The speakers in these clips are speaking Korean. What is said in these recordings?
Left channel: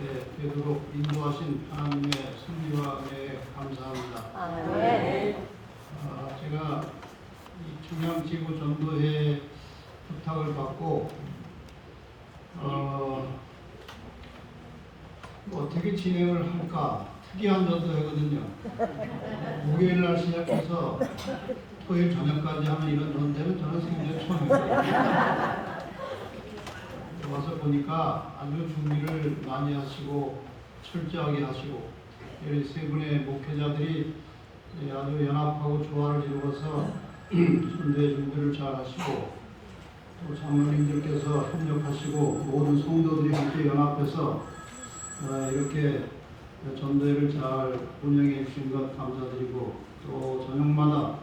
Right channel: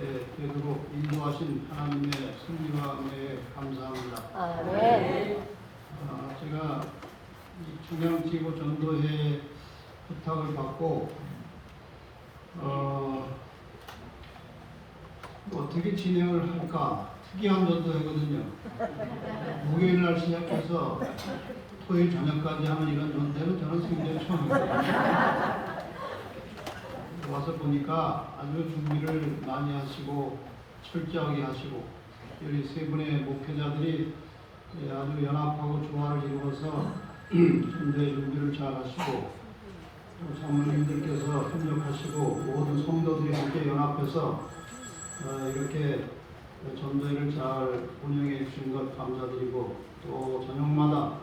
되도록 인도하신 하나님의 승리와 은혜에 감사합니다. 제가 이 중앙지구 전도회 부탁을 받고 어떻게 진행을 할까 특이한 전도회거든요. 목요일 날 시작해서 토요일 저녁까지 하는 이런 전도회는 저는 생전 처음입니다. 와서 보니까 아주 준비를 많이 하시고 철저하게 하시고 여기 세 분의 목회자들이 아주 연합하고 조화를 이루어서 전도회 준비를 잘 하시고 또 장로님들께서 협력하시고 모든 성도들이 함께 연합해서 이렇게 전도회를 잘 운영해 주신 것 감사드리고 또 저녁마다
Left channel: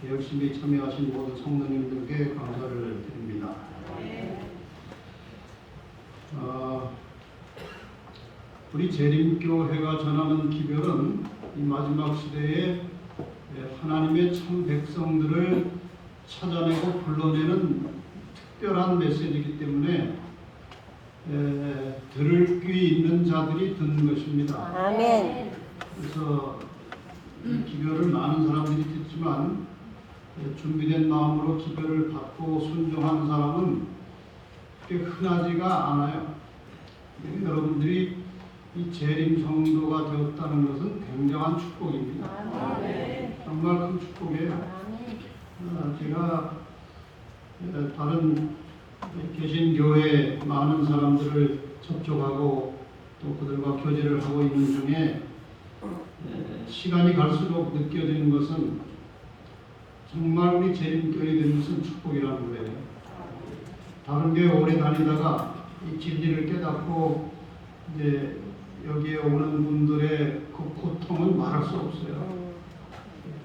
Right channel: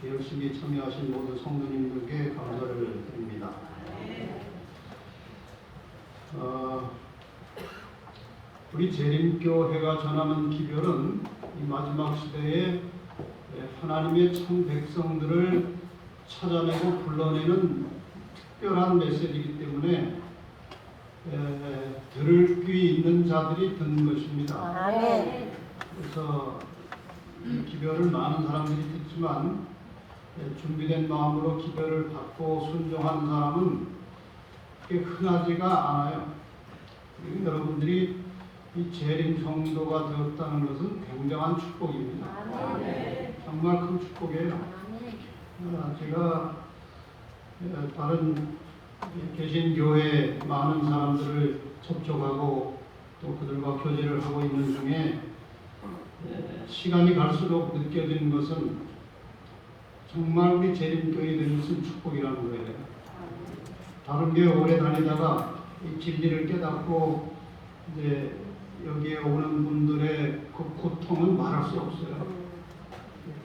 이렇게 열심히 참여하신 모든 성도님들께 감사를 드립니다. 우리 재림교회가 전하는 기별은 이 마지막 시대에 하나님의 참 백성들을 찾아내고 불러내는 특별한 메시지이기 때문에 들을 귀 있는 자들이 듣는 것입니다. 그래서 이 기별을 많은 사람들이 듣지만 준비된 마음으로 기별을 받고 순종한 사람은 흔하지가 않아요. 여러분들이 이 재림 성도가 되었다는 것은 굉장한 축복입니다. 정말 큰 축복이에요. 제가 다른 계신 교회 많은 사람들을 접촉하고 또 그들과 교제를 하고 있는 중에 시간이 갈수록 느껴지는 것은 정말 우리 재림교회에 되는 것은 축복이라는 거예요. 다른 교회 오래 다니다가 이 진리를 깨닫고 이제 여기에 오는 분들의 그 고통은 말할 수 없어요.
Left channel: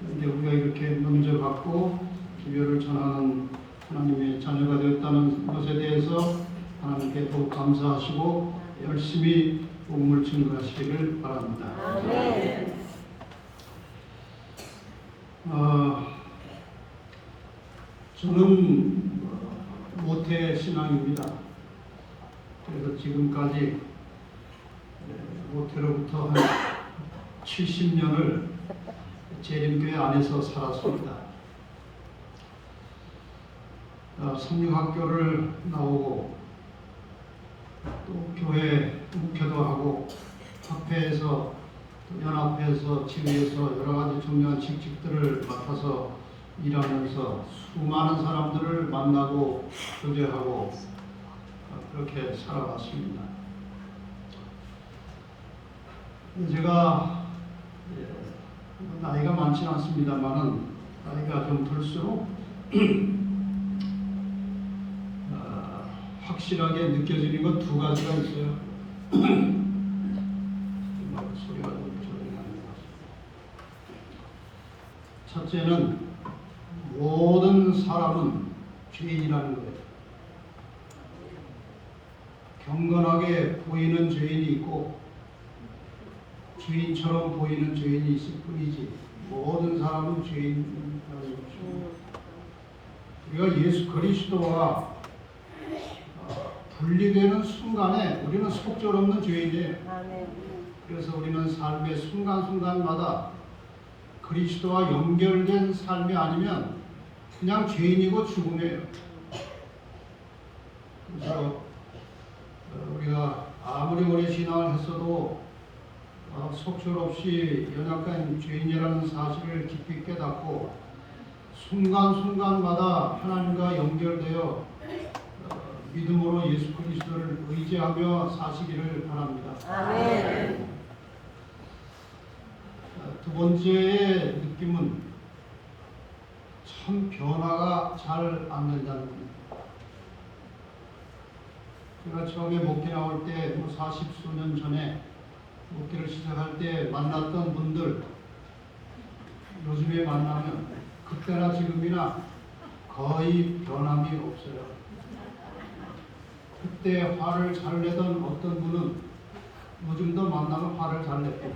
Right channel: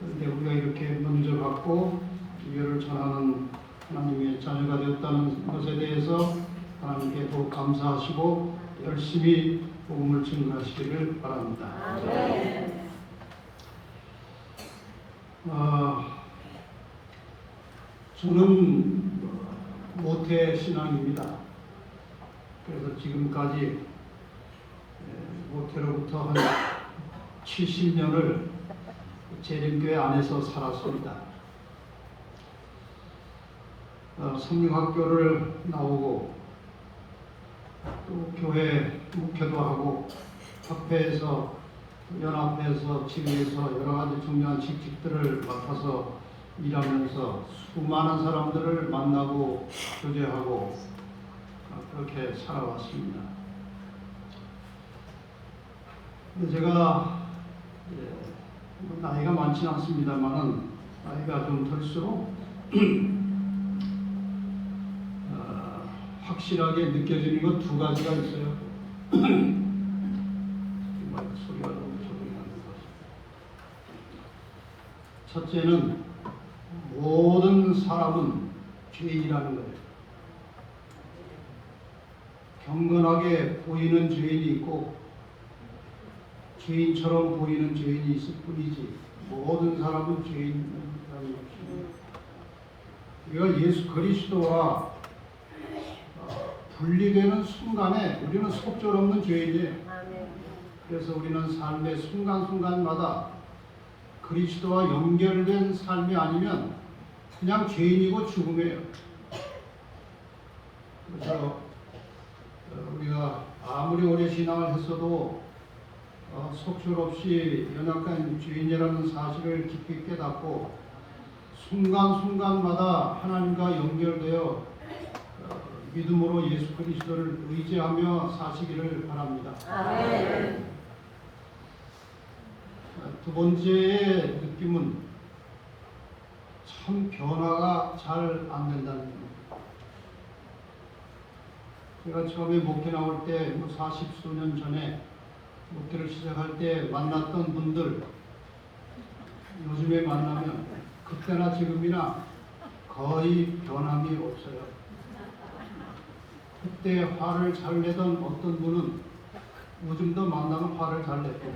그런데 우리가 이렇게 문져받고 기별을 전하는 하나님의 자녀가 되었다는 것에 대해서 하나님께 더욱 감사하시고 열심히 복음을 증거하시기를 바랍니다. 저는 모태 신앙입니다. 그래서 지금까지 모태로부터 한 70년을 재림교회 안에서 살았습니다. 성령학교를 나오고 또 교회 목회도 하고 협회에서 연합회에서 지회에서 여러 가지 중요한 직책들을 맡아서 일하면서 수많은 사람들을 만나고 교제하고 그렇게 살아왔습니다. 제가 나이가 많지는 않습니다만은 나이가 좀 들수록 확실하게 느껴지는 것 두 가지가 있어요. 소리가 좀 조용히 나는 것. 첫째는 모든 사람은 죄인이라는 거예요. 경건하게 보이는 죄인이 있고 주인처럼 보이는 죄인이 있을 뿐이지 모든 사람은 죄인이라는 것입니다. 우리가 예수 그리스도와 분리되는 순간에 우리는 속절없는 죄인이에요. 그래서 우리는 삶의 순간순간마다 그리스도와 연결된 삶이 아니면 그냥 죄인이고 죽음이에요. 그래서 우리가 아무리 오래 신앙을 했어도 속절없이 연약한 죄인이라는 사실을 깊이 깨닫고 순간순간마다 하나님과 연결되어 믿음으로 예수 그리스도를 의지하며 사시기를 바랍니다. 아멘. 두 번째의 느낌은 참 변화가 잘 안 된다는 겁니다. 제가 처음에 목회 나올 때 40수년 전에 목회를 시작할 때 만났던 분들 요즘에 만나면 그때나 지금이나 거의 변함이 없어요. 그때 화를 잘 내던 어떤 분은 요즘도 만나면 화를 잘 냈고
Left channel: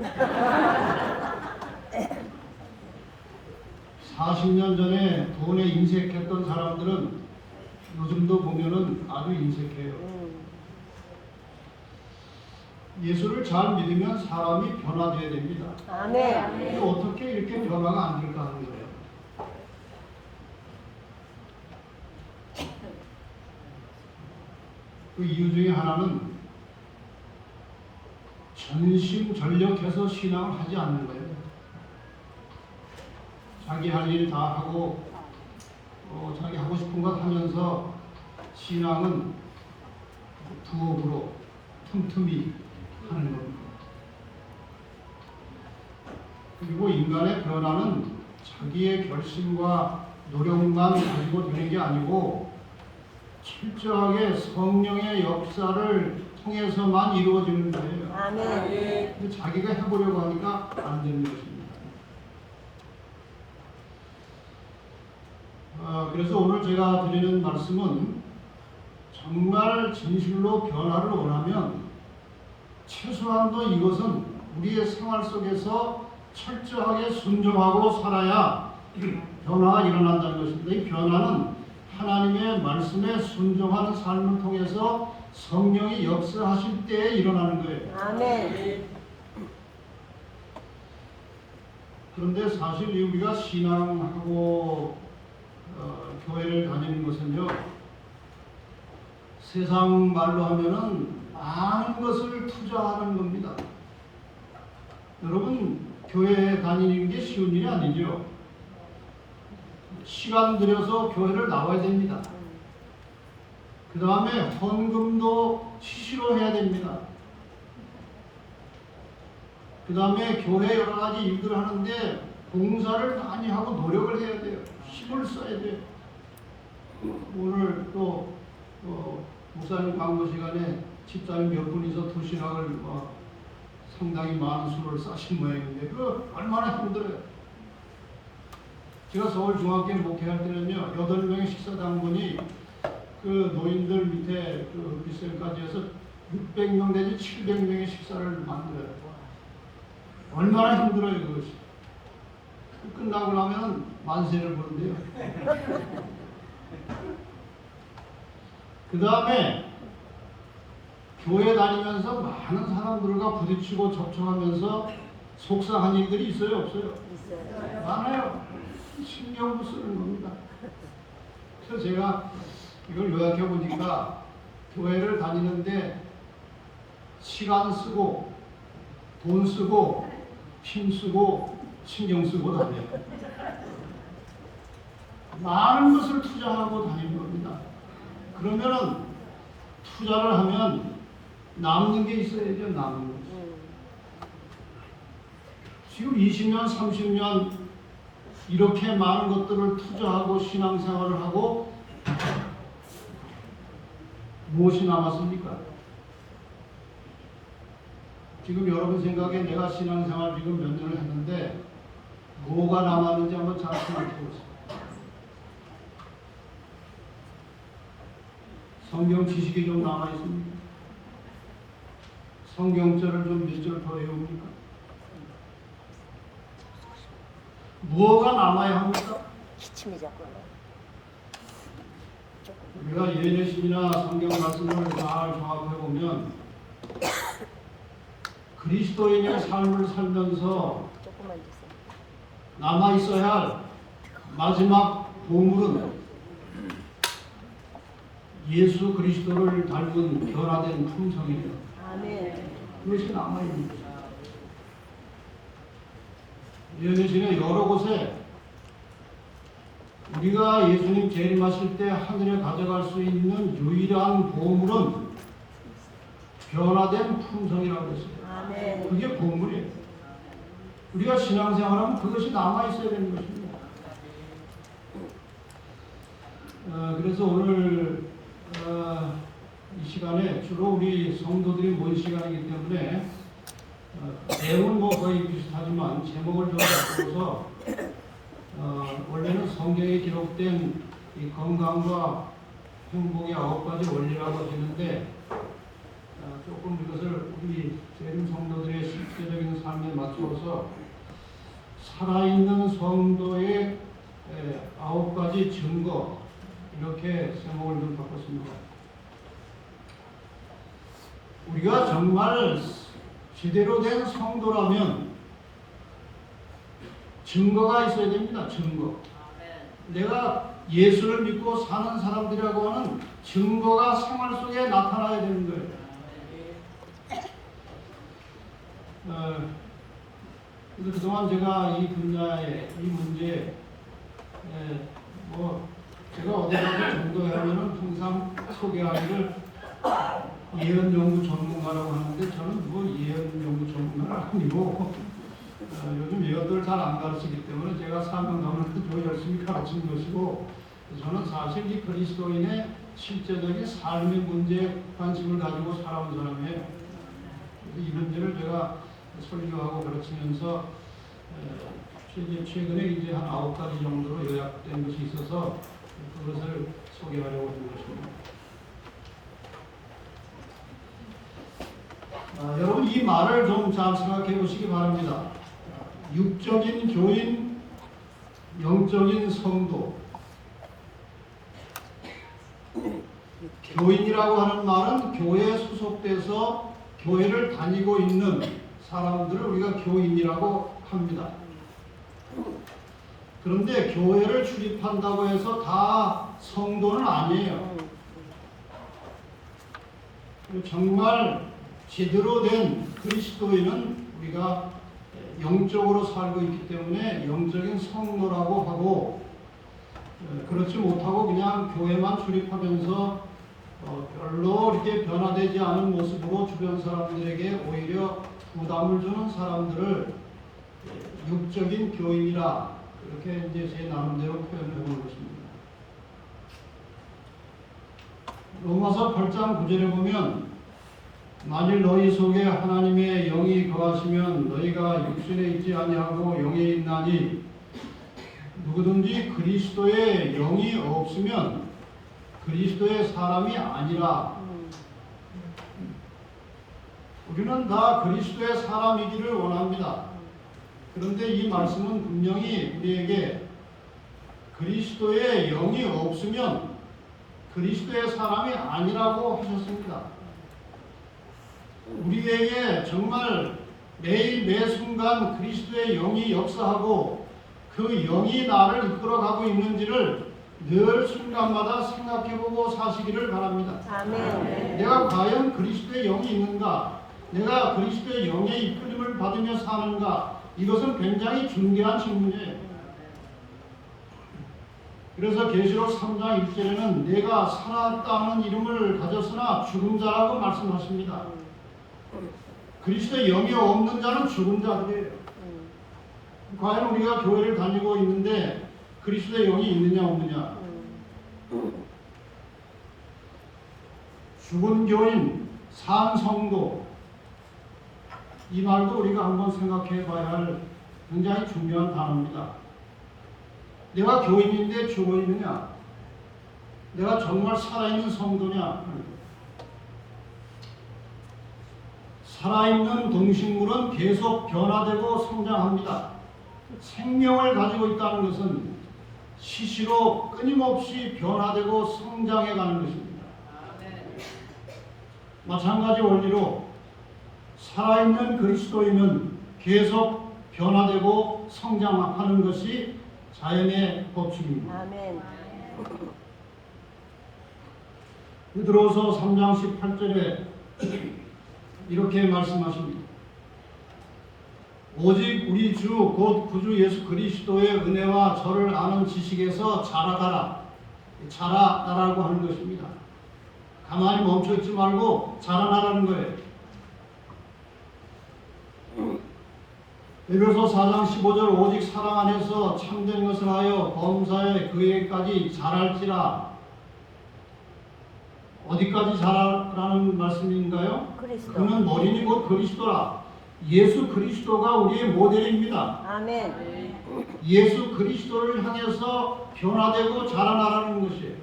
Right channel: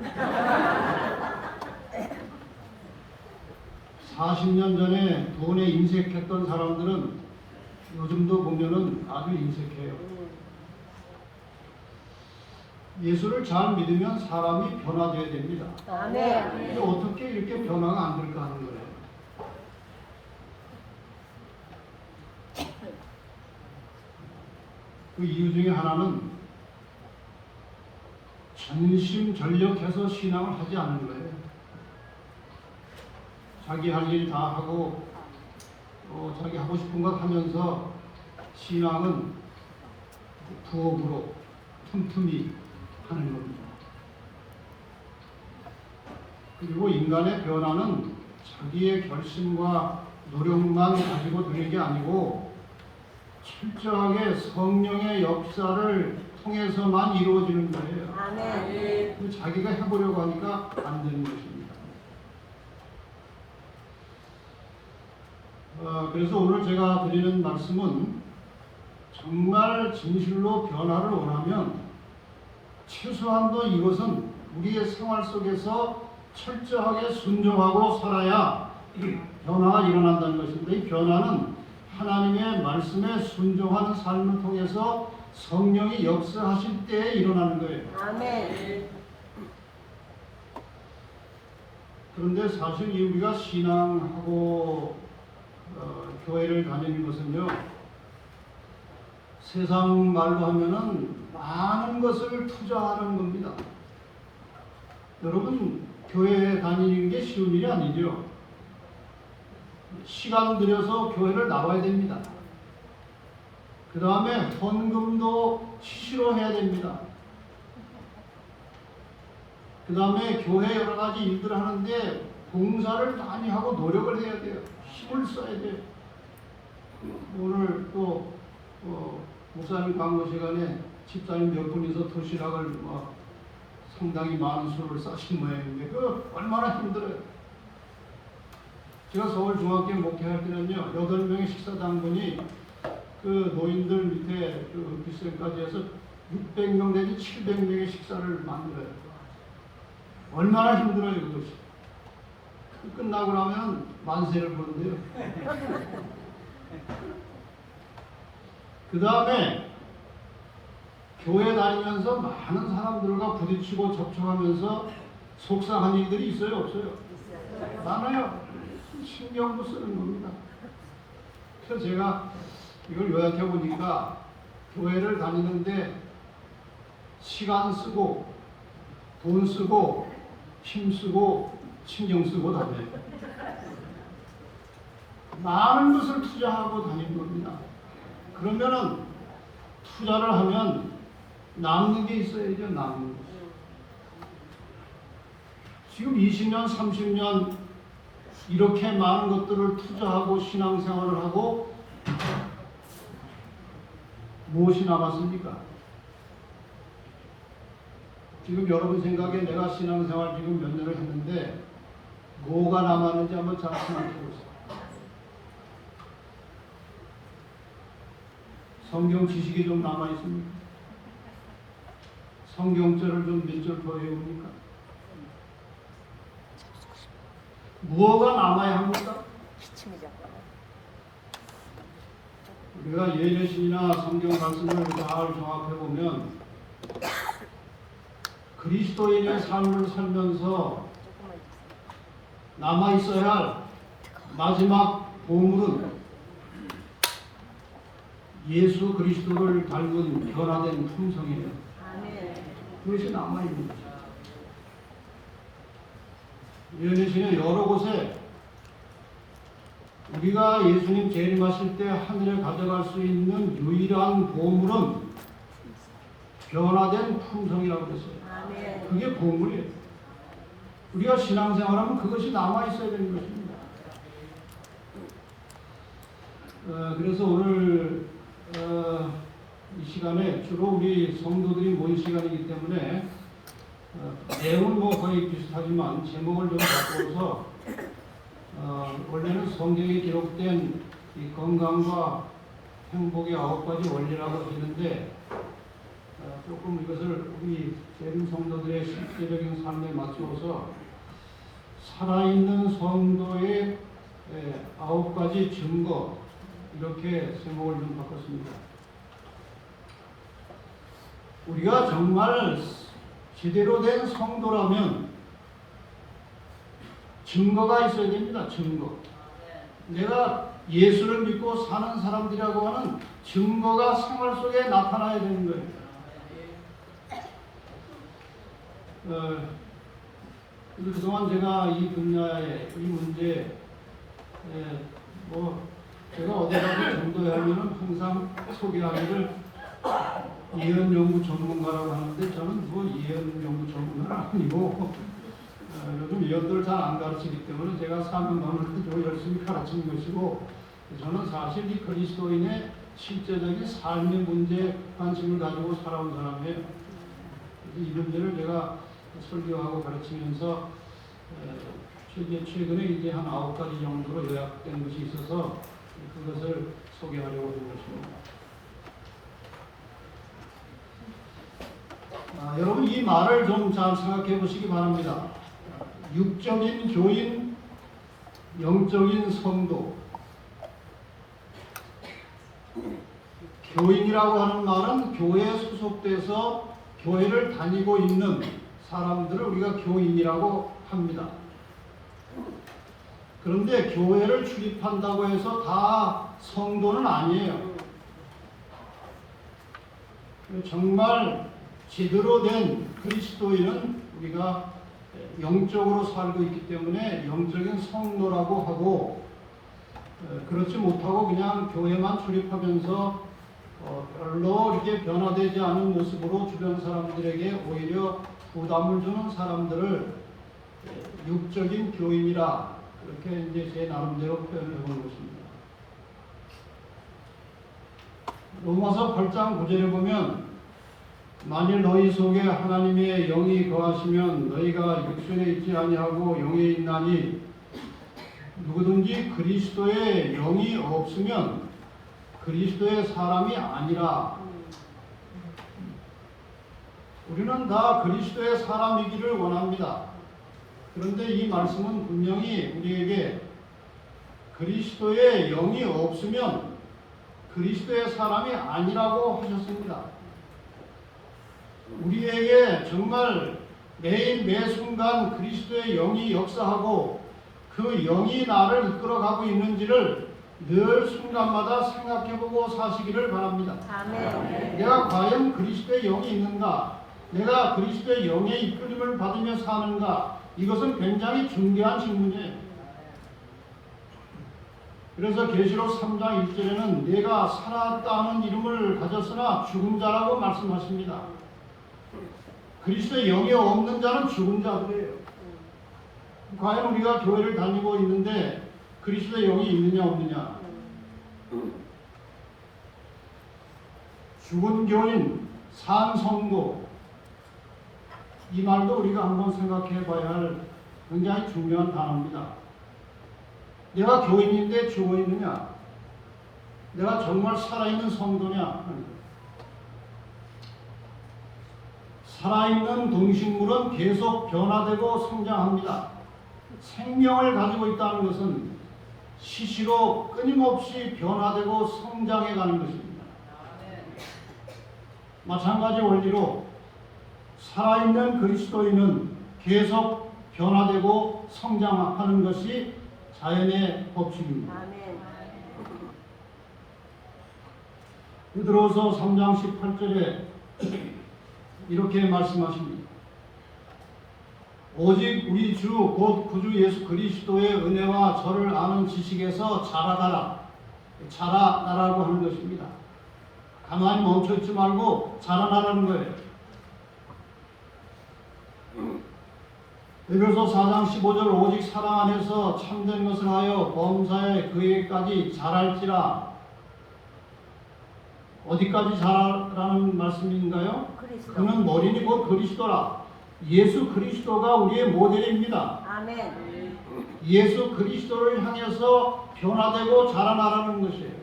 40년 전에 돈에 인색했던 사람들은 요즘도 보면은 아주 인색해요. 예수를 잘 믿으면 사람이 변화되어야 됩니다. 아멘. 근데 어떻게 이렇게 변화가 안 될까 하는 거예요. 그 이유 중에 하나는 전심전력해서 신앙을 하지 않는 거예요. 자기 할 일 다 하고 자기 하고 싶은 것 하면서 신앙은 부업으로 틈틈이 하는 겁니다. 그리고 인간의 변화는 자기의 결심과 노력만 가지고 되는 게 아니고 철저하게 성령의 역사를 통해서만 이루어지는 거예요. 아멘. 근데 자기가 해보려고 하니까 안 되는 것입니다. 그래서 오늘 제가 드리는 말씀은 정말 진실로 변화를 원하면 최소한도 이것은 우리의 생활 속에서 철저하게 순종하고 살아야 변화가 일어난다는 것입니다. 이 변화는 하나님의 말씀에 순종하는 삶을 통해서 성령이 역사하실 때에 일어나는 거예요. 아멘. 그런데 사실 우리가 신앙하고 교회를 다니는 것은요, 세상 말로 하면은 많은 것을 투자하는 겁니다. 여러분, 교회에 다니는 게 쉬운 일이 아니죠. 시간 들여서 교회를 나와야 됩니다. 그 다음에 헌금도 치시러 해야 됩니다. 그 다음에 교회 여러 가지 일들을 하는데 봉사를 많이 하고 노력을 해야 돼요. 힘을 써야 돼요. 오늘 또 목사님 강의 시간에 집사님 몇 분이서 도시락을 상당히 많은 수를 싸신 모양인데 그거 얼마나 힘들어요. 제가 서울중학교 목회할 때는요, 8명의 식사당번이 그 노인들 밑에 그 빗생까지 해서 600명 내지 700명의 식사를 만들어요. 얼마나 힘들어요, 그것이. 끝나고 나면 만세를 부른대요. 그 다음에 교회 다니면서 많은 사람들과 부딪히고 접촉하면서 속상한 일들이 있어요, 없어요? 많아요. 신경도 쓰는 겁니다. 그래서 제가 이걸 요약해 보니까 교회를 다니는데 시간 쓰고 돈 쓰고 힘 쓰고 신경 쓰고 다녀요. 많은 것을 투자하고 다니는 겁니다. 그러면은 투자를 하면 남는 게 있어야죠. 남는 것. 지금 20년, 30년 이렇게 많은 것들을 투자하고 신앙생활을 하고 무엇이 남았습니까? 지금 여러분 생각에 내가 신앙생활 지금 몇 년을 했는데 뭐가 남았는지 한번 잘 생각해 보세요. 성경 지식이 좀 남아있습니까? 성경절을 좀 몇 절 더 외웁니까? 무엇가 남아야 합니까? 우리가 예내신이나 성경 말씀을 잘 종합해 보면 그리스도인의 삶을 살면서 남아 있어야 할 마지막 보물은 예수 그리스도를 닮은 변화된 품성이에요. 그것이 남아 있는 것입니다. 예내신의 여러 곳에 우리가 예수님 재림하실 때 하늘에 가져갈 수 있는 유일한 보물은 변화된 품성이라고 했어요. 그게 보물이에요. 우리가 신앙생활하면 그것이 남아있어야 되는 것입니다. 그래서 오늘 이 시간에 주로 우리 성도들이 모인 시간이기 때문에 내용은 뭐 거의 비슷하지만 제목을 좀 바꿔서 원래는 성경에 기록된 이 건강과 행복의 9가지 원리라고 했는데 조금 이것을 우리 재림 성도들의 실제적인 삶에 맞추어서 살아있는 성도의 9가지 증거 이렇게 제목을 좀 바꿨습니다. 우리가 정말 제대로 된 성도라면 증거가 있어야 됩니다. 증거. 내가 예수를 믿고 사는 사람들이라고 하는 증거가 생활 속에 나타나야 되는 거예요. 그래서 그동안 제가 이 분야의 이 문제, 제가 어디다가 전도하면은 항상 소개하기를 예언 연구 전문가라고 하는데 저는 뭐 예언 연구 전문가는 아니고 요즘 예언들 잘 안 가르치기 때문에 제가 사명 나누고 열심히 가르치는 것이고 저는 사실 이 그리스도인의 실제적인 삶의 문제에 관심을 가지고 살아온 사람이에요. 이 문제를 제가 설교하고 가르치면서 최근에 이제 한 9가지 정도로 요약된 것이 있어서 그것을 소개하려고 하는 것입니다. 여러분 이 말을 좀 잘 생각해 보시기 바랍니다. 육적인 교인, 영적인 성도. 교인이라고 하는 말은 교회에 소속돼서 교회를 다니고 있는 사람들을 우리가 교인이라고 합니다. 그런데 교회를 출입한다고 해서 다 성도는 아니에요. 정말 제대로 된 그리스도인은 우리가 영적으로 살고 있기 때문에 영적인 성도라고 하고, 그렇지 못하고 그냥 교회만 출입하면서 별로 이렇게 변화되지 않은 모습으로 주변 사람들에게 오히려 부담을 주는 사람들을 육적인 교인이라 이렇게 이제 제 나름대로 표현해 보는 것입니다. 로마서 8장 9절에 보면 만일 너희 속에 하나님의 영이 거하시면 너희가 육신에 있지 아니하고 영이 있나니 누구든지 그리스도의 영이 없으면 그리스도의 사람이 아니라. 우리는 다 그리스도의 사람이기를 원합니다. 그런데 이 말씀은 분명히 우리에게 그리스도의 영이 없으면 그리스도의 사람이 아니라고 하셨습니다. 우리에게 정말 매일 매 순간 그리스도의 영이 역사하고 그 영이 나를 이끌어가고 있는지를 늘 순간마다 생각해보고 사시기를 바랍니다. 아멘. 내가 과연 그리스도의 영이 있는가? 내가 그리스도의 영의 이끌림을 받으며 사는가? 이것은 굉장히 중요한 질문이에요. 그래서 계시록 3장 1절에는 내가 살았다는 이름을 가졌으나 죽은 자라고 말씀하십니다. 그리스도의 영이 없는 자는 죽은 자들이에요. 과연 우리가 교회를 다니고 있는데 그리스도의 영이 있느냐 없느냐? 죽은 교인, 산 성도, 이 말도 우리가 한번 생각해 봐야 할 굉장히 중요한 단어입니다. 내가 교인인데 죽어 있느냐? 내가 정말 살아있는 성도냐? 살아있는 동식물은 계속 변화되고 성장합니다. 생명을 가지고 있다는 것은 시시로 끊임없이 변화되고 성장해가는 것입니다. 마찬가지 원리로 살아있는 그리스도인은 계속 변화되고 성장하는 것이 자연의 법칙입니다. 베드로서 3장 18절에 이렇게 말씀하십니다. 오직 우리 주 곧 구주 예수 그리스도의 은혜와 저를 아는 지식에서 자라가라. 자라나라고 하는 것입니다. 가만히 멈춰있지 말고 자라나라는 거예요. 에베소서 4장 15절 오직 사랑 안에서 참된 것을 하여 범사에 그에게까지 자랄지라. 어디까지 자라라는 말씀인가요? 그는 머리니 곧 그리스도라. 예수 그리스도가 우리의 모델입니다. 아멘. 예수 그리스도를 향해서 변화되고 자라나라는 것이에요.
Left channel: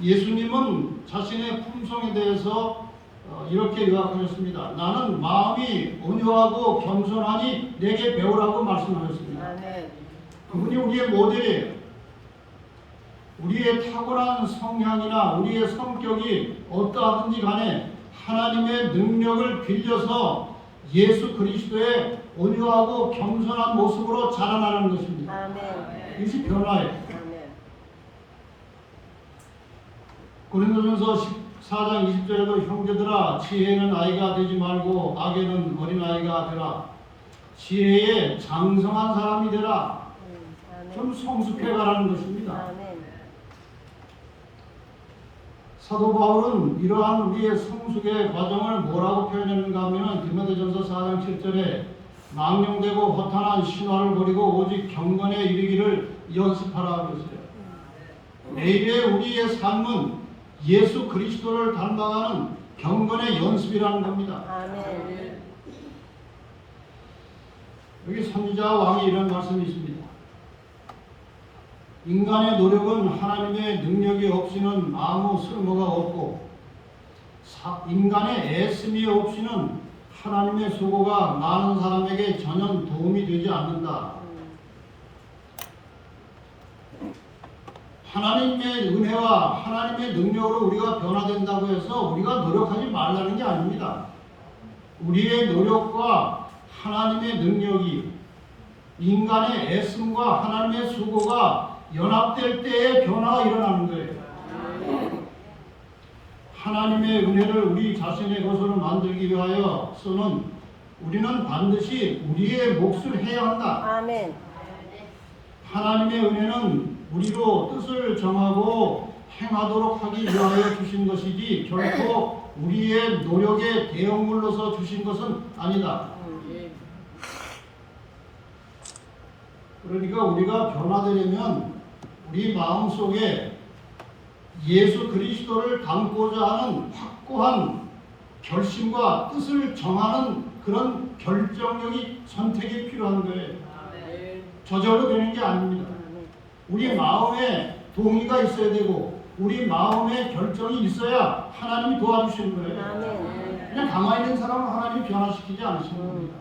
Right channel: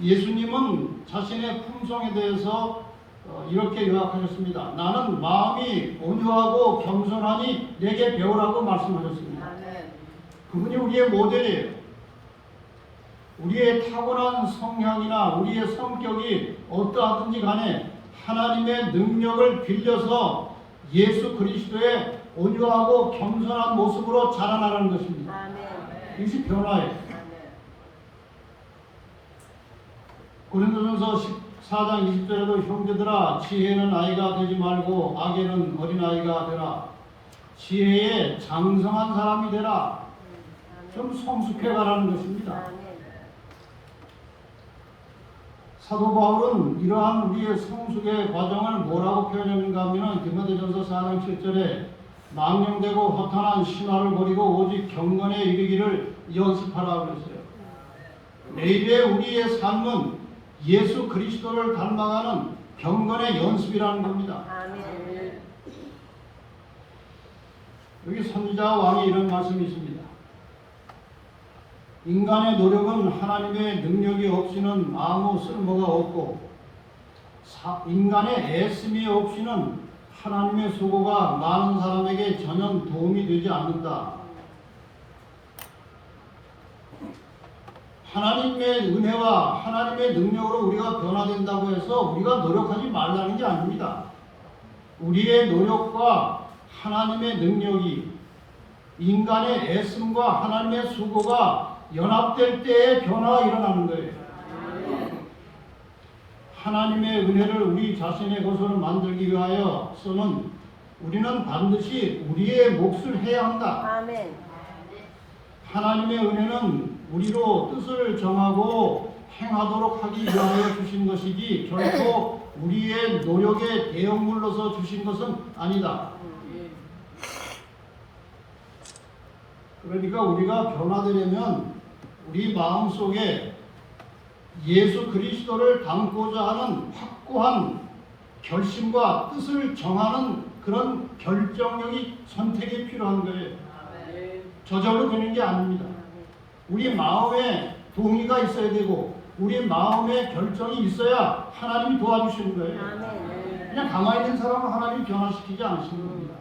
예수님은 자신의 품성에 대해서 이렇게 요약하셨습니다. 나는 마음이 온유하고 겸손하니 내게 배우라고 말씀하셨습니다. 아멘. 그분이 우리의 모델이에요. 우리의 타고난 성향이나 우리의 성격이 어떠하든지 간에 하나님의 능력을 빌려서 예수 그리스도의 온유하고 겸손한 모습으로 자라나는 것입니다. 이것이 변화예요. 고린도전서 14장 20절에도 형제들아 지혜는 아이가 되지 말고 악에는 어린아이가 되라. 지혜에 장성한 사람이 되라. 좀 성숙해가라는 것입니다. 사도 바울은 이러한 우리의 성숙의 과정을 뭐라고 표현하는가 하면 디모데전서 4장 7절에 망령되고 허탄한 신화를 버리고 오직 경건에 이르기를 연습하라 그랬어요. 내일의 우리의 삶은 예수 그리스도를 닮아가는 경건의 연습이라는 겁니다. 여기 선지자 왕이 이런 말씀이 있습니다. 인간의 노력은 하나님의 능력이 없이는 아무 쓸모가 없고 인간의 애씀이 없이는 하나님의 수고가 많은 사람에게 전혀 도움이 되지 않는다. 하나님의 은혜와 하나님의 능력으로 우리가 변화된다고 해서 우리가 노력하지 말라는 게 아닙니다. 우리의 노력과 하나님의 능력이 인간의 애씀과 하나님의 수고가 연합될 때에 변화가 일어나는 거예요. 하나님의 은혜를 우리 자신의 것으로 만들기 위하여서는 우리는 반드시 우리의 몫을 해야 한다. 하나님의 은혜는 우리로 뜻을 정하고 행하도록 하기 위하여 주신 것이지 결코 우리의 노력의 대형물로서 주신 것은 아니다. 그러니까 우리가 변화되려면 우리 마음속에 예수 그리스도를 닮고자 하는 확고한 결심과 뜻을 정하는 그런 결정력이 선택이 필요한 거예요. 저절로 되는 게 아닙니다. 우리 마음에 동의가 있어야 되고 우리 마음에 결정이 있어야 하나님이 도와주시는 거예요. 그냥 가만히 있는 사람은 하나님이 변화시키지 않으시는 겁니다.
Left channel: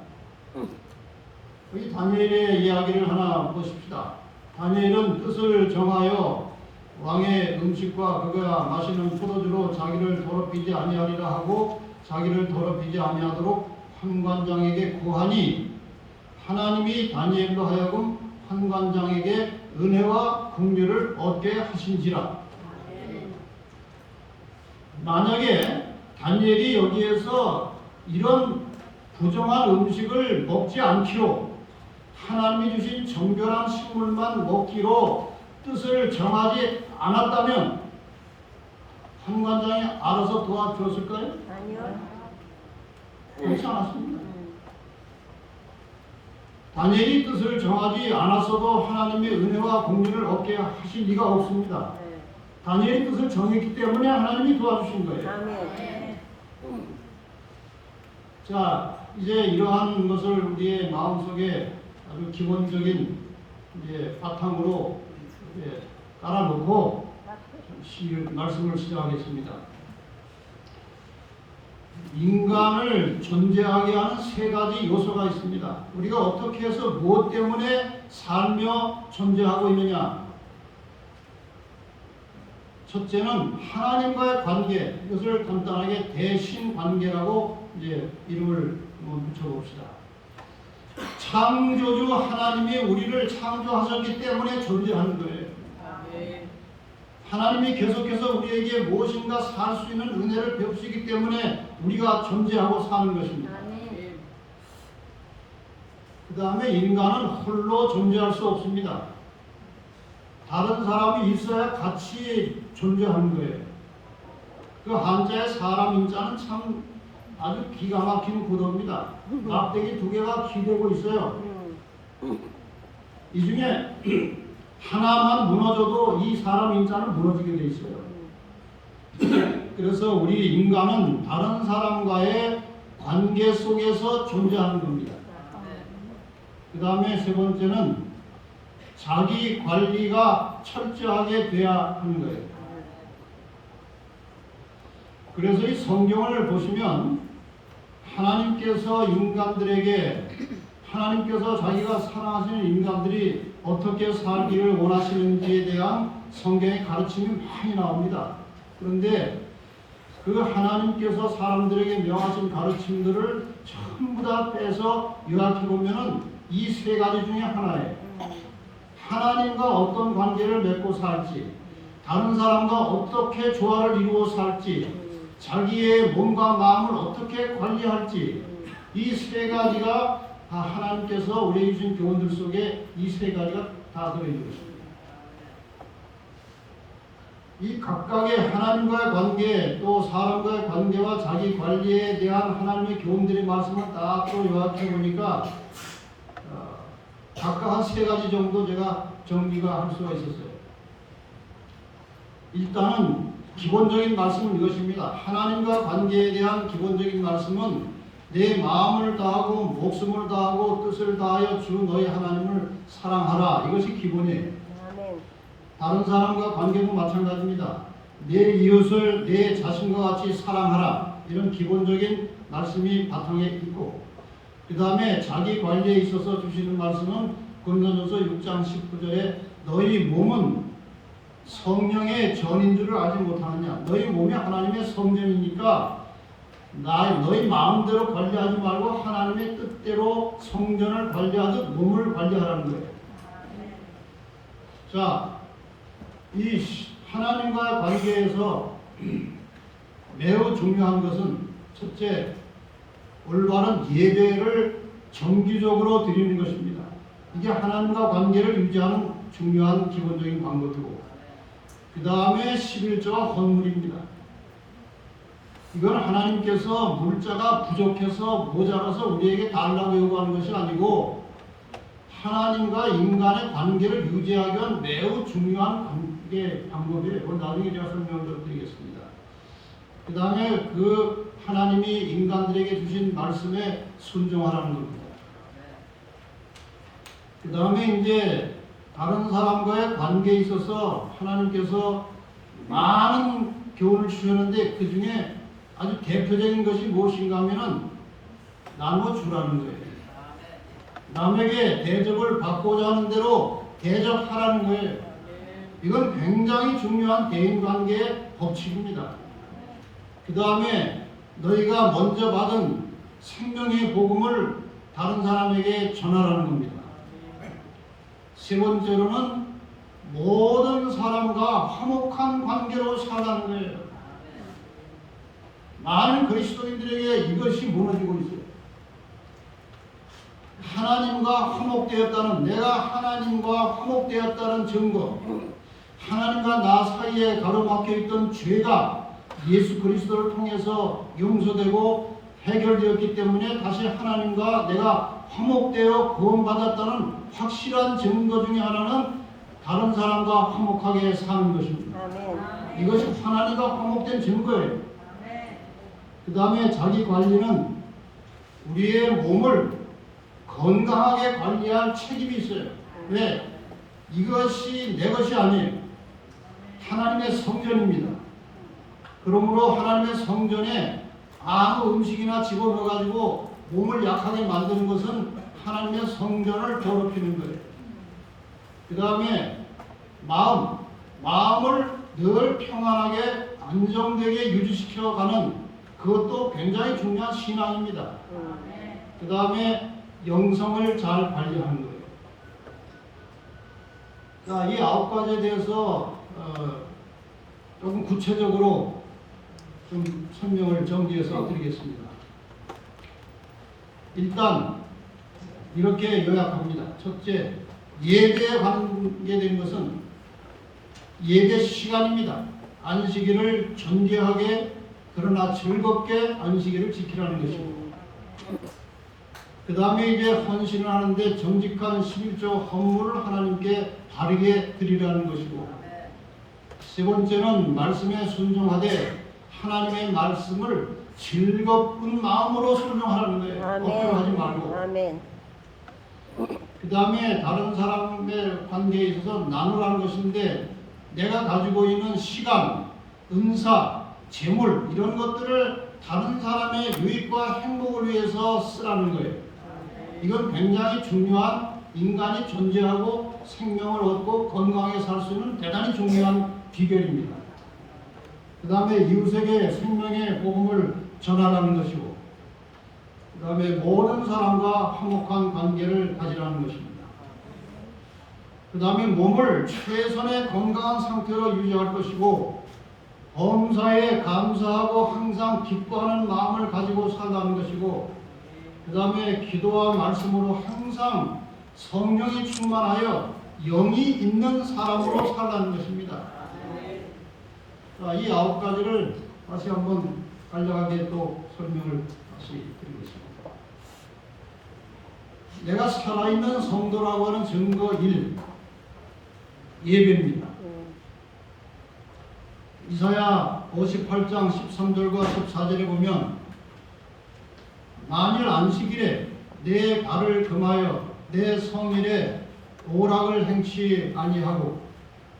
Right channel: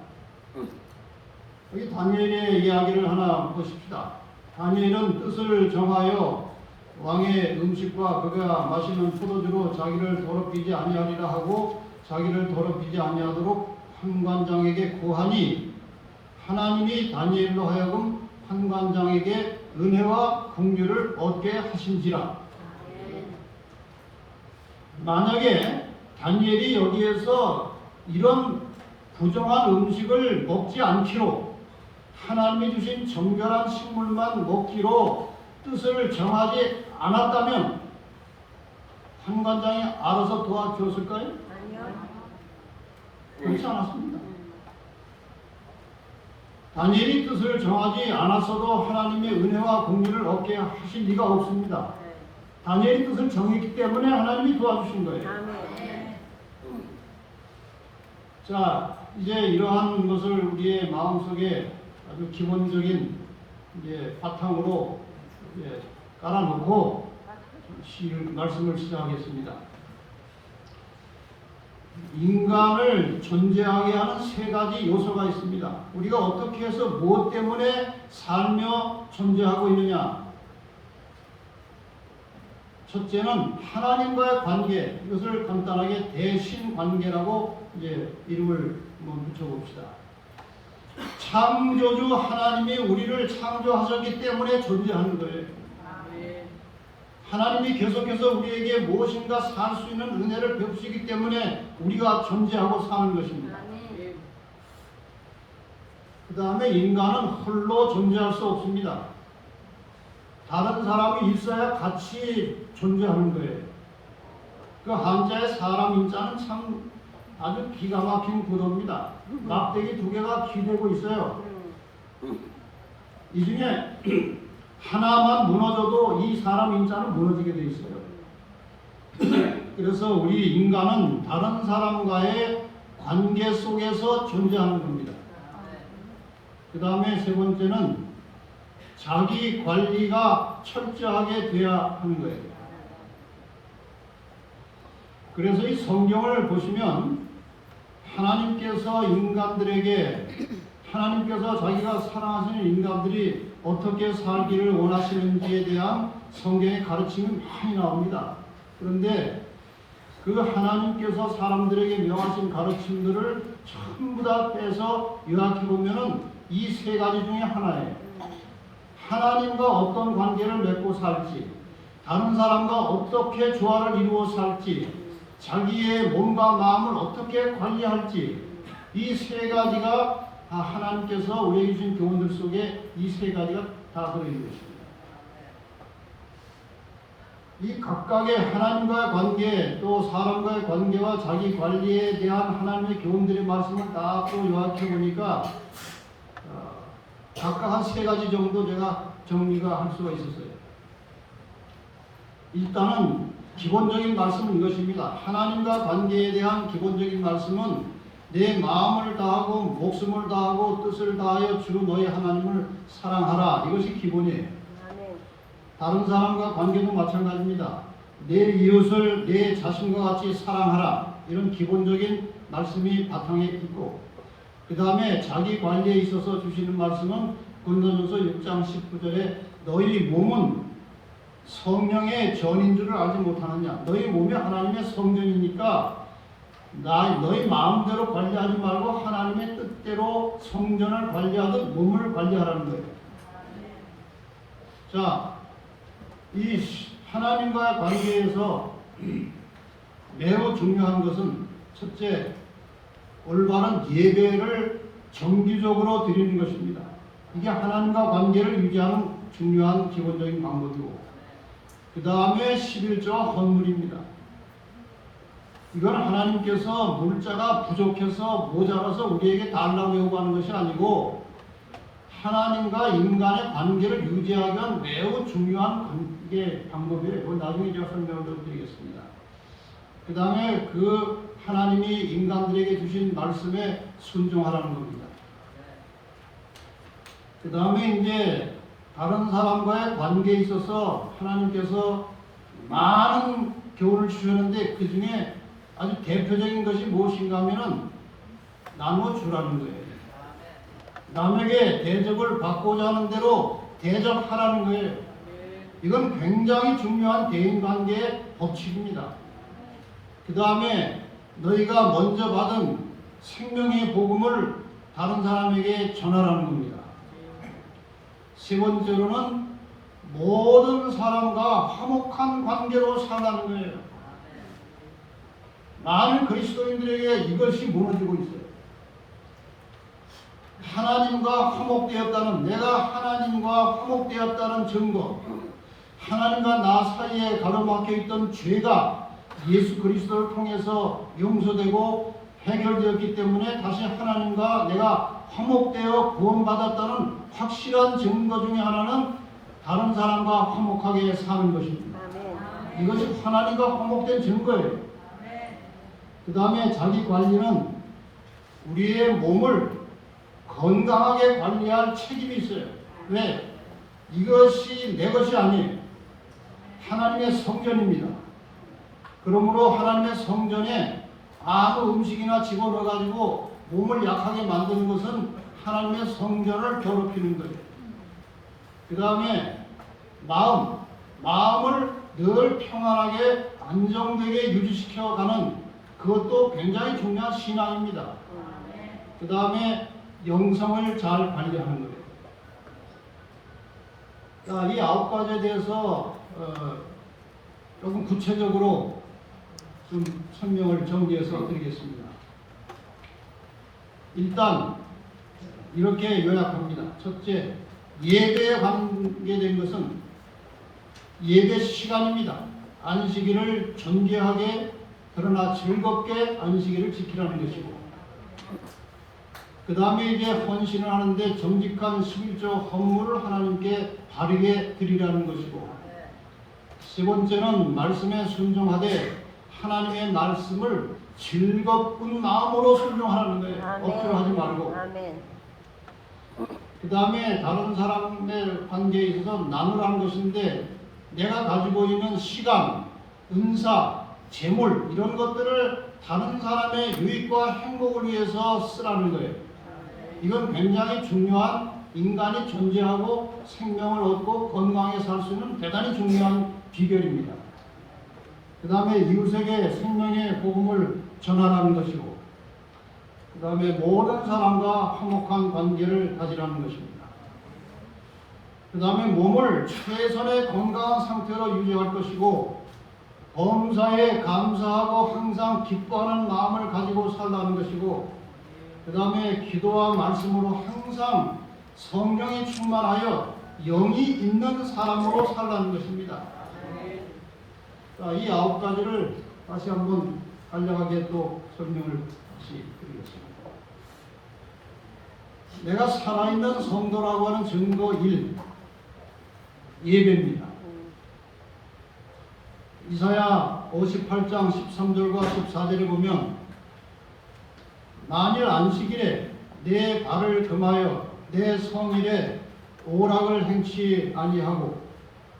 여기 다니엘의 이야기를 하나 보십시다. 다니엘은 뜻을 정하여 왕의 음식과 그가 마시는 포도주로 자기를 더럽히지 아니하리라 하고 자기를 더럽히지 아니하도록 판관장에게 구하니 하나님이 다니엘로 하여금 판관장에게 은혜와 긍휼을 얻게 하신지라. 만약에 다니엘이 여기에서 이런 부정한 음식을 먹지 않기로 하나님이 주신 정결한 식물만 먹기로 뜻을 정하지 않았다면 판관장이 알아서 도와주었을까요? 아니요. 그렇지 않았습니다. 다니엘이 뜻을 정하지 않았어도 하나님의 은혜와 긍휼을 얻게 하실 리가 없습니다. 다니엘이 뜻을 정했기 때문에 하나님이 도와주신 거예요. 자, 이제 이러한 것을 우리의 마음속에 아주 기본적인 이제 바탕으로 이제 깔아놓고 말씀을 시작하겠습니다. 인간을 존재하게 하는 세 가지 요소가 있습니다. 우리가 어떻게 해서 무엇 때문에 살며 존재하고 있느냐? 첫째는 하나님과의 관계, 이것을 간단하게 대신관계라고 이제 이름을 붙여봅시다. 창조주 하나님이 우리를 창조하셨기 때문에 존재하는 거예요. 하나님이 계속해서 우리에게 무엇인가 살 수 있는 은혜를 베푸시기 때문에 우리가 존재하고 사는 것입니다. 그 다음에 인간은 홀로 존재할 수 없습니다. 다른 사람이 있어야 같이 존재하는 거예요. 그 한자의 사람 인자는 참 아주 기가 막힌 구도입니다. 막대기 두 개가 기대고 있어요. 이 중에 하나만 무너져도 이 사람 인자는 무너지게 돼 있어요. 그래서 우리 인간은 다른 사람과의 관계 속에서 존재하는 겁니다. 그 다음에 세 번째는 자기 관리가 철저하게 돼야 하는 거예요. 그래서 이 성경을 보시면 하나님께서 자기가 사랑하시는 인간들이 어떻게 살기를 원하시는지에 대한 성경의 가르침이 많이 나옵니다. 그런데 그 하나님께서 사람들에게 명하신 가르침들을 전부 다 빼서 요약해 보면은 이 세 가지 중에 하나예요. 하나님과 어떤 관계를 맺고 살지, 다른 사람과 어떻게 조화를 이루어 살지, 자기의 몸과 마음을 어떻게 관리할지, 이 세 가지가 다 하나님께서 우리에게 주신 교훈들 속에 이 세 가지가 다 들어있는 것입니다. 이 각각의 하나님과의 관계, 또 사람과의 관계와 자기 관리에 대한 하나님의 교훈들의 말씀을 딱 또 요약해 보니까 각각 한 세 가지 정도 제가 정리가 할 수가 있었어요. 일단은 기본적인 말씀은 이것입니다. 하나님과 관계에 대한 기본적인 말씀은 내 마음을 다하고 목숨을 다하고 뜻을 다하여 주 너의 하나님을 사랑하라. 이것이 기본이에요. 다른 사람과 관계도 마찬가지입니다. 내 이웃을 내 자신과 같이 사랑하라. 이런 기본적인 말씀이 바탕에 있고, 그 다음에 자기 관리에 있어서 주시는 말씀은 고린도전서 6장 19절에 너희 몸은 성령의 전인 줄을 알지 못하느냐. 너희 몸이 하나님의 성전이니까 너희 마음대로 관리하지 말고 하나님의 뜻대로 성전을 관리하듯 몸을 관리하라는 거예요. 자, 이 하나님과 관계에서 매우 중요한 것은 첫째, 올바른 예배를 정기적으로 드리는 것입니다. 이게 하나님과 관계를 유지하는 중요한 기본적인 방법이고, 그 다음에 11조와 헌물입니다. 이건 하나님께서 물자가 부족해서 모자라서 우리에게 달라고 요구하는 것이 아니고 하나님과 인간의 관계를 유지하기 위한 매우 중요한 관계 방법이에요. 나중에 제가 설명을 좀 드리겠습니다. 그 다음에 그 하나님이 인간들에게 주신 말씀에 순종하라는 겁니다. 그 다음에 이제 다른 사람과의 관계에 있어서 하나님께서 많은 교훈을 주셨는데 그 중에 아주 대표적인 것이 무엇인가 하면은 나눠주라는 거예요. 남에게 대접을 받고자 하는 대로 대접하라는 거예요. 이건 굉장히 중요한 대인관계의 법칙입니다. 그 다음에 너희가 먼저 받은 생명의 복음을 다른 사람에게 전하라는 겁니다. 세 번째로는 모든 사람과 화목한 관계로 살아가는 거예요. 많은 그리스도인들에게 이것이 무너지고 있어요. 하나님과 화목되었다는, 내가 하나님과 화목되었다는 증거, 하나님과 나 사이에 가로막혀 있던 죄가 예수 그리스도를 통해서 용서되고 해결되었기 때문에 다시 하나님과 내가 화목되어 구원받았다는 확실한 증거 중에 하나는 다른 사람과 화목하게 사는 것입니다. 이것이 하나님과 화목된 증거예요. 그 다음에 자기 관리는 우리의 몸을 건강하게 관리할 책임이 있어요. 왜? 이것이 내 것이 아니에요. 하나님의 성전입니다. 그러므로 하나님의 성전에 아무 음식이나 집어넣어가지고 몸을 약하게 만드는 것은 하나님의 성전을 더럽히는 거예요. 그 다음에 마음을 늘 평안하게 안정되게 유지시켜가는 그것도 굉장히 중요한 신앙입니다. 그 다음에 영성을 잘 관리하는 거예요. 자, 이 9가지에 대해서 조금 구체적으로 좀 설명을 정리해서 드리겠습니다. 일단 이렇게 요약합니다. 첫째, 예배에 관계된 것은 예배 시간입니다. 안식일을 존귀하게 그러나 즐겁게 안식일을 지키라는 것이고, 그 다음에 이제 헌신을 하는데 정직한 11조 헌물을 하나님께 바르게 드리라는 것이고, 세 번째는 말씀에 순종하되 하나님의 말씀을 즐겁은 마음으로 순종하라는 거예요. 억지로 하지 말고. 그 다음에 다른 사람의 관계에 있어서 나누라는 것인데 내가 가지고 있는 시간, 은사, 재물 이런 것들을 다른 사람의 유익과 행복을 위해서 쓰라는 거예요. 이건 굉장히 중요한, 인간이 존재하고 생명을 얻고 건강하게 살 수 있는 대단히 중요한 비결입니다. 그 다음에 이웃에게 생명의 복음을 전하라는 것이고, 그 다음에 모든 사람과 화목한 관계를 가지라는 것입니다. 그 다음에 몸을 최선의 건강한 상태로 유지할 것이고, 범사에 감사하고 항상 기뻐하는 마음을 가지고 살라는 것이고, 그 다음에 기도와 말씀으로 항상 성령이 충만하여 영이 있는 사람으로 살라는 것입니다. 자, 이 9가지를 다시 한번 간략하게 또 설명을 다시 드리겠습니다. 내가 살아있는 성도라고 하는 증거 1, 예배입니다. 이사야 58장 13절과 14절에 보면, 만일 안식일에 내 발을 금하여 내 성일에 오락을 행치 아니하고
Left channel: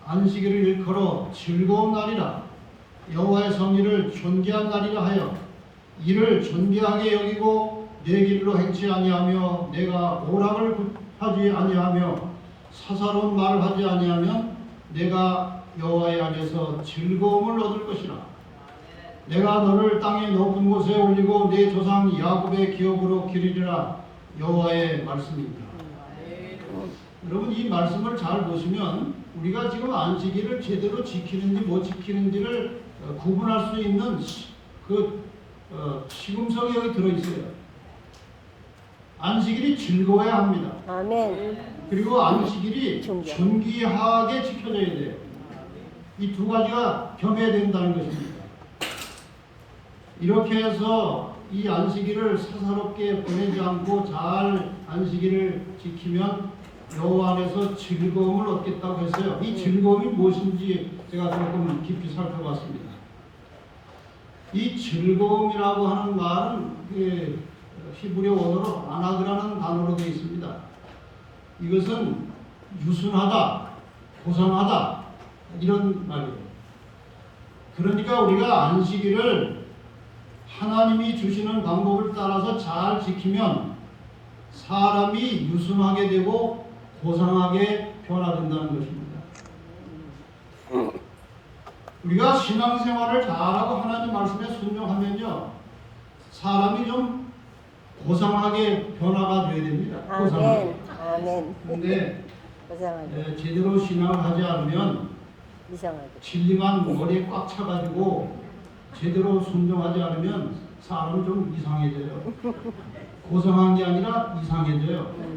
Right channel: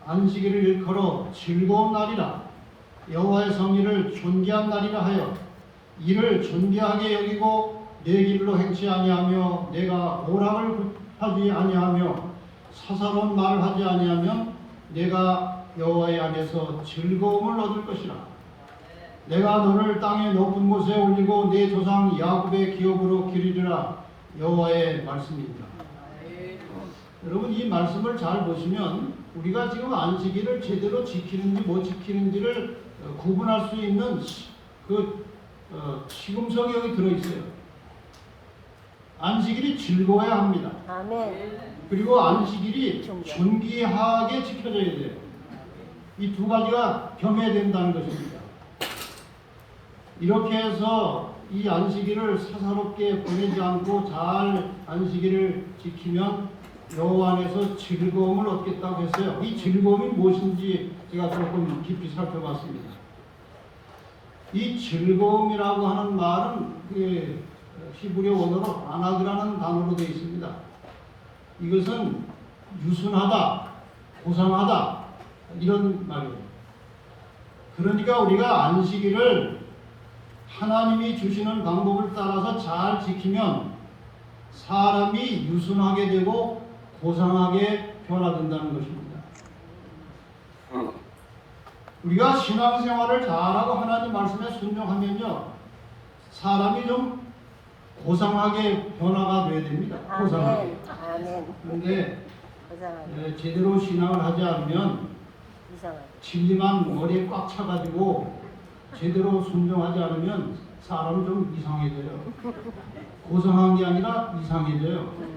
안식일을 일컬어 즐거운 날이라 여호와의 성일을 존귀한 날이라 하여 이를 존귀하게 여기고 내 길로 행치 아니하며 내가 오락을 굽하지 아니하며 사사로운 말을 하지 아니하면 내가 여호와의 안에서 즐거움을 얻을 것이라. 내가 너를 땅의 높은 곳에 올리고 내 조상 야곱의 기업으로 기르리라. 여호와의 말씀입니다. 여러분, 이 말씀을 잘 보시면 우리가 지금 안식일을 제대로 지키는지 못 지키는지를 구분할 수 있는 시금석이 여기 들어있어요. 안식일이 즐거워야 합니다. 아멘. 그리고 안식일이 존귀하게 지켜져야 돼요. 이 두 가지가 겸해야 된다는 것입니다. 이렇게 해서 이 안식일을 사사롭게 보내지 않고 잘 안식일을 지키면 여호와 안에서 즐거움을 얻겠다고 했어요. 이 즐거움이 무엇인지 제가 조금 깊이 살펴봤습니다. 이 즐거움이라고 하는 말은 히브리 원어로 아나드라는 단어로 되어 있습니다. 이것은 유순하다, 고상하다 이런 말이에요. 그러니까 우리가 안식일을 하나님이 주시는 방법을 따라서 잘 지키면 사람이 유순하게 되고 고상하게 변화된다는 것입니다. 우리가 신앙생활을 잘하고 하나님 말씀에 순종하면요, 사람이 좀 고상하게 변화가 돼야 됩니다. 고상하게. 그런데 제대로 신앙을 하지 않으면 진리만 머리에 꽉 차가지고 제대로 순종하지 않으면 사람이 좀 이상해져요. 고상한 게 아니라 이상해져요.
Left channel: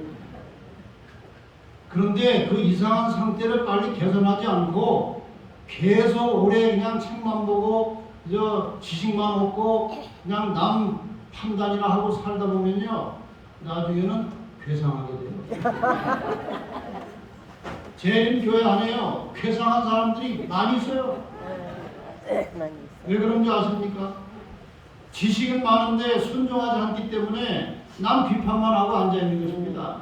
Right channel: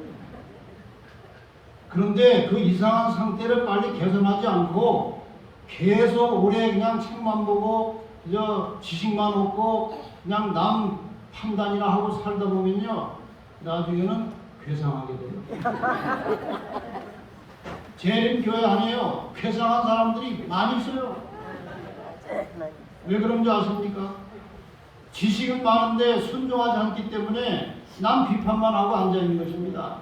그런데 그 이상한 상태를 빨리 개선하지 않고 계속 오래 그냥 책만 보고 지식만 얻고 그냥 남 판단이나 하고 살다 보면요, 나중에는 괴상하게 돼요. 재림교회 안에요, 괴상한 사람들이 많이 있어요. 왜 그런 줄 아십니까? 지식은 많은데 순종하지 않기 때문에 남 비판만 하고 앉아있는 것입니다.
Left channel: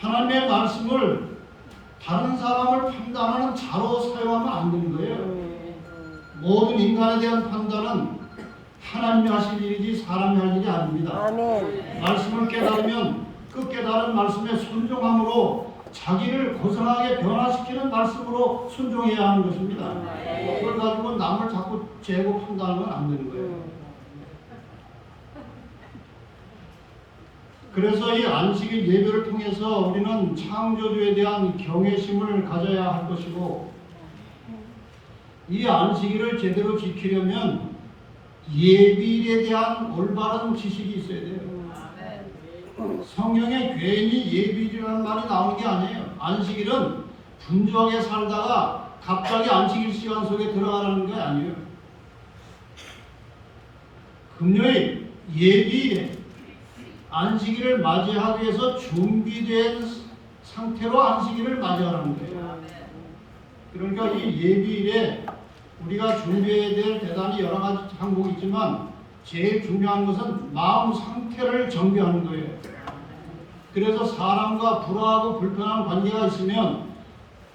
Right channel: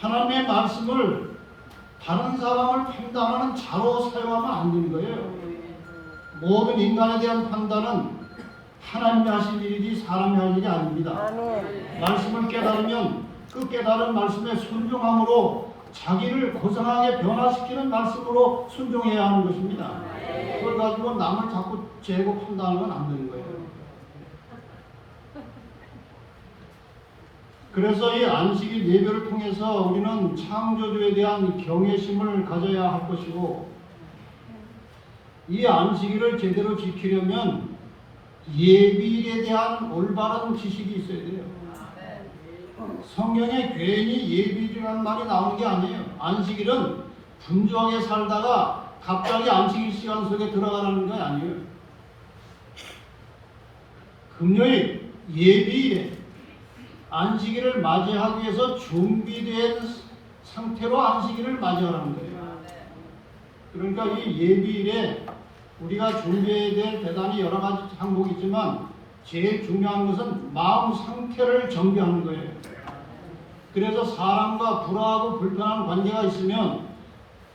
하나님의 말씀을 다른 사람을 판단하는 자로 사용하면 안 되는 거예요. 모든 인간에 대한 판단은 하나님이 하신 일이지 사람이 할 일이 아닙니다. 말씀을 깨달으면 그 깨달은 말씀에 순종함으로 자기를 고상하게 변화시키는 말씀으로 순종해야 하는 것입니다. 그걸 가지고 남을 자꾸 재고 판단하면 안 되는 거예요. 그래서 이 안식일 예배를 통해서 우리는 창조주에 대한 경외심을 가져야 할 것이고, 이 안식일을 제대로 지키려면 예비일에 대한 올바른 지식이 있어야 돼요. 성경에 괜히 예비일이라는 말이 나오는 게 아니에요. 안식일은 분주하게 살다가 갑자기 안식일 시간 속에 들어가라는 게 아니에요. 금요일 예비일에 안식일을 맞이하기 위해서 준비된 상태로 안식일을 맞이하는 거예요. 그러니까 이 예비일에 우리가 준비해야 될 대단히 여러 가지 항목이 있지만 제일 중요한 것은 마음 상태를 정비하는 거예요. 그래서 사람과 불화하고 불편한 관계가 있으면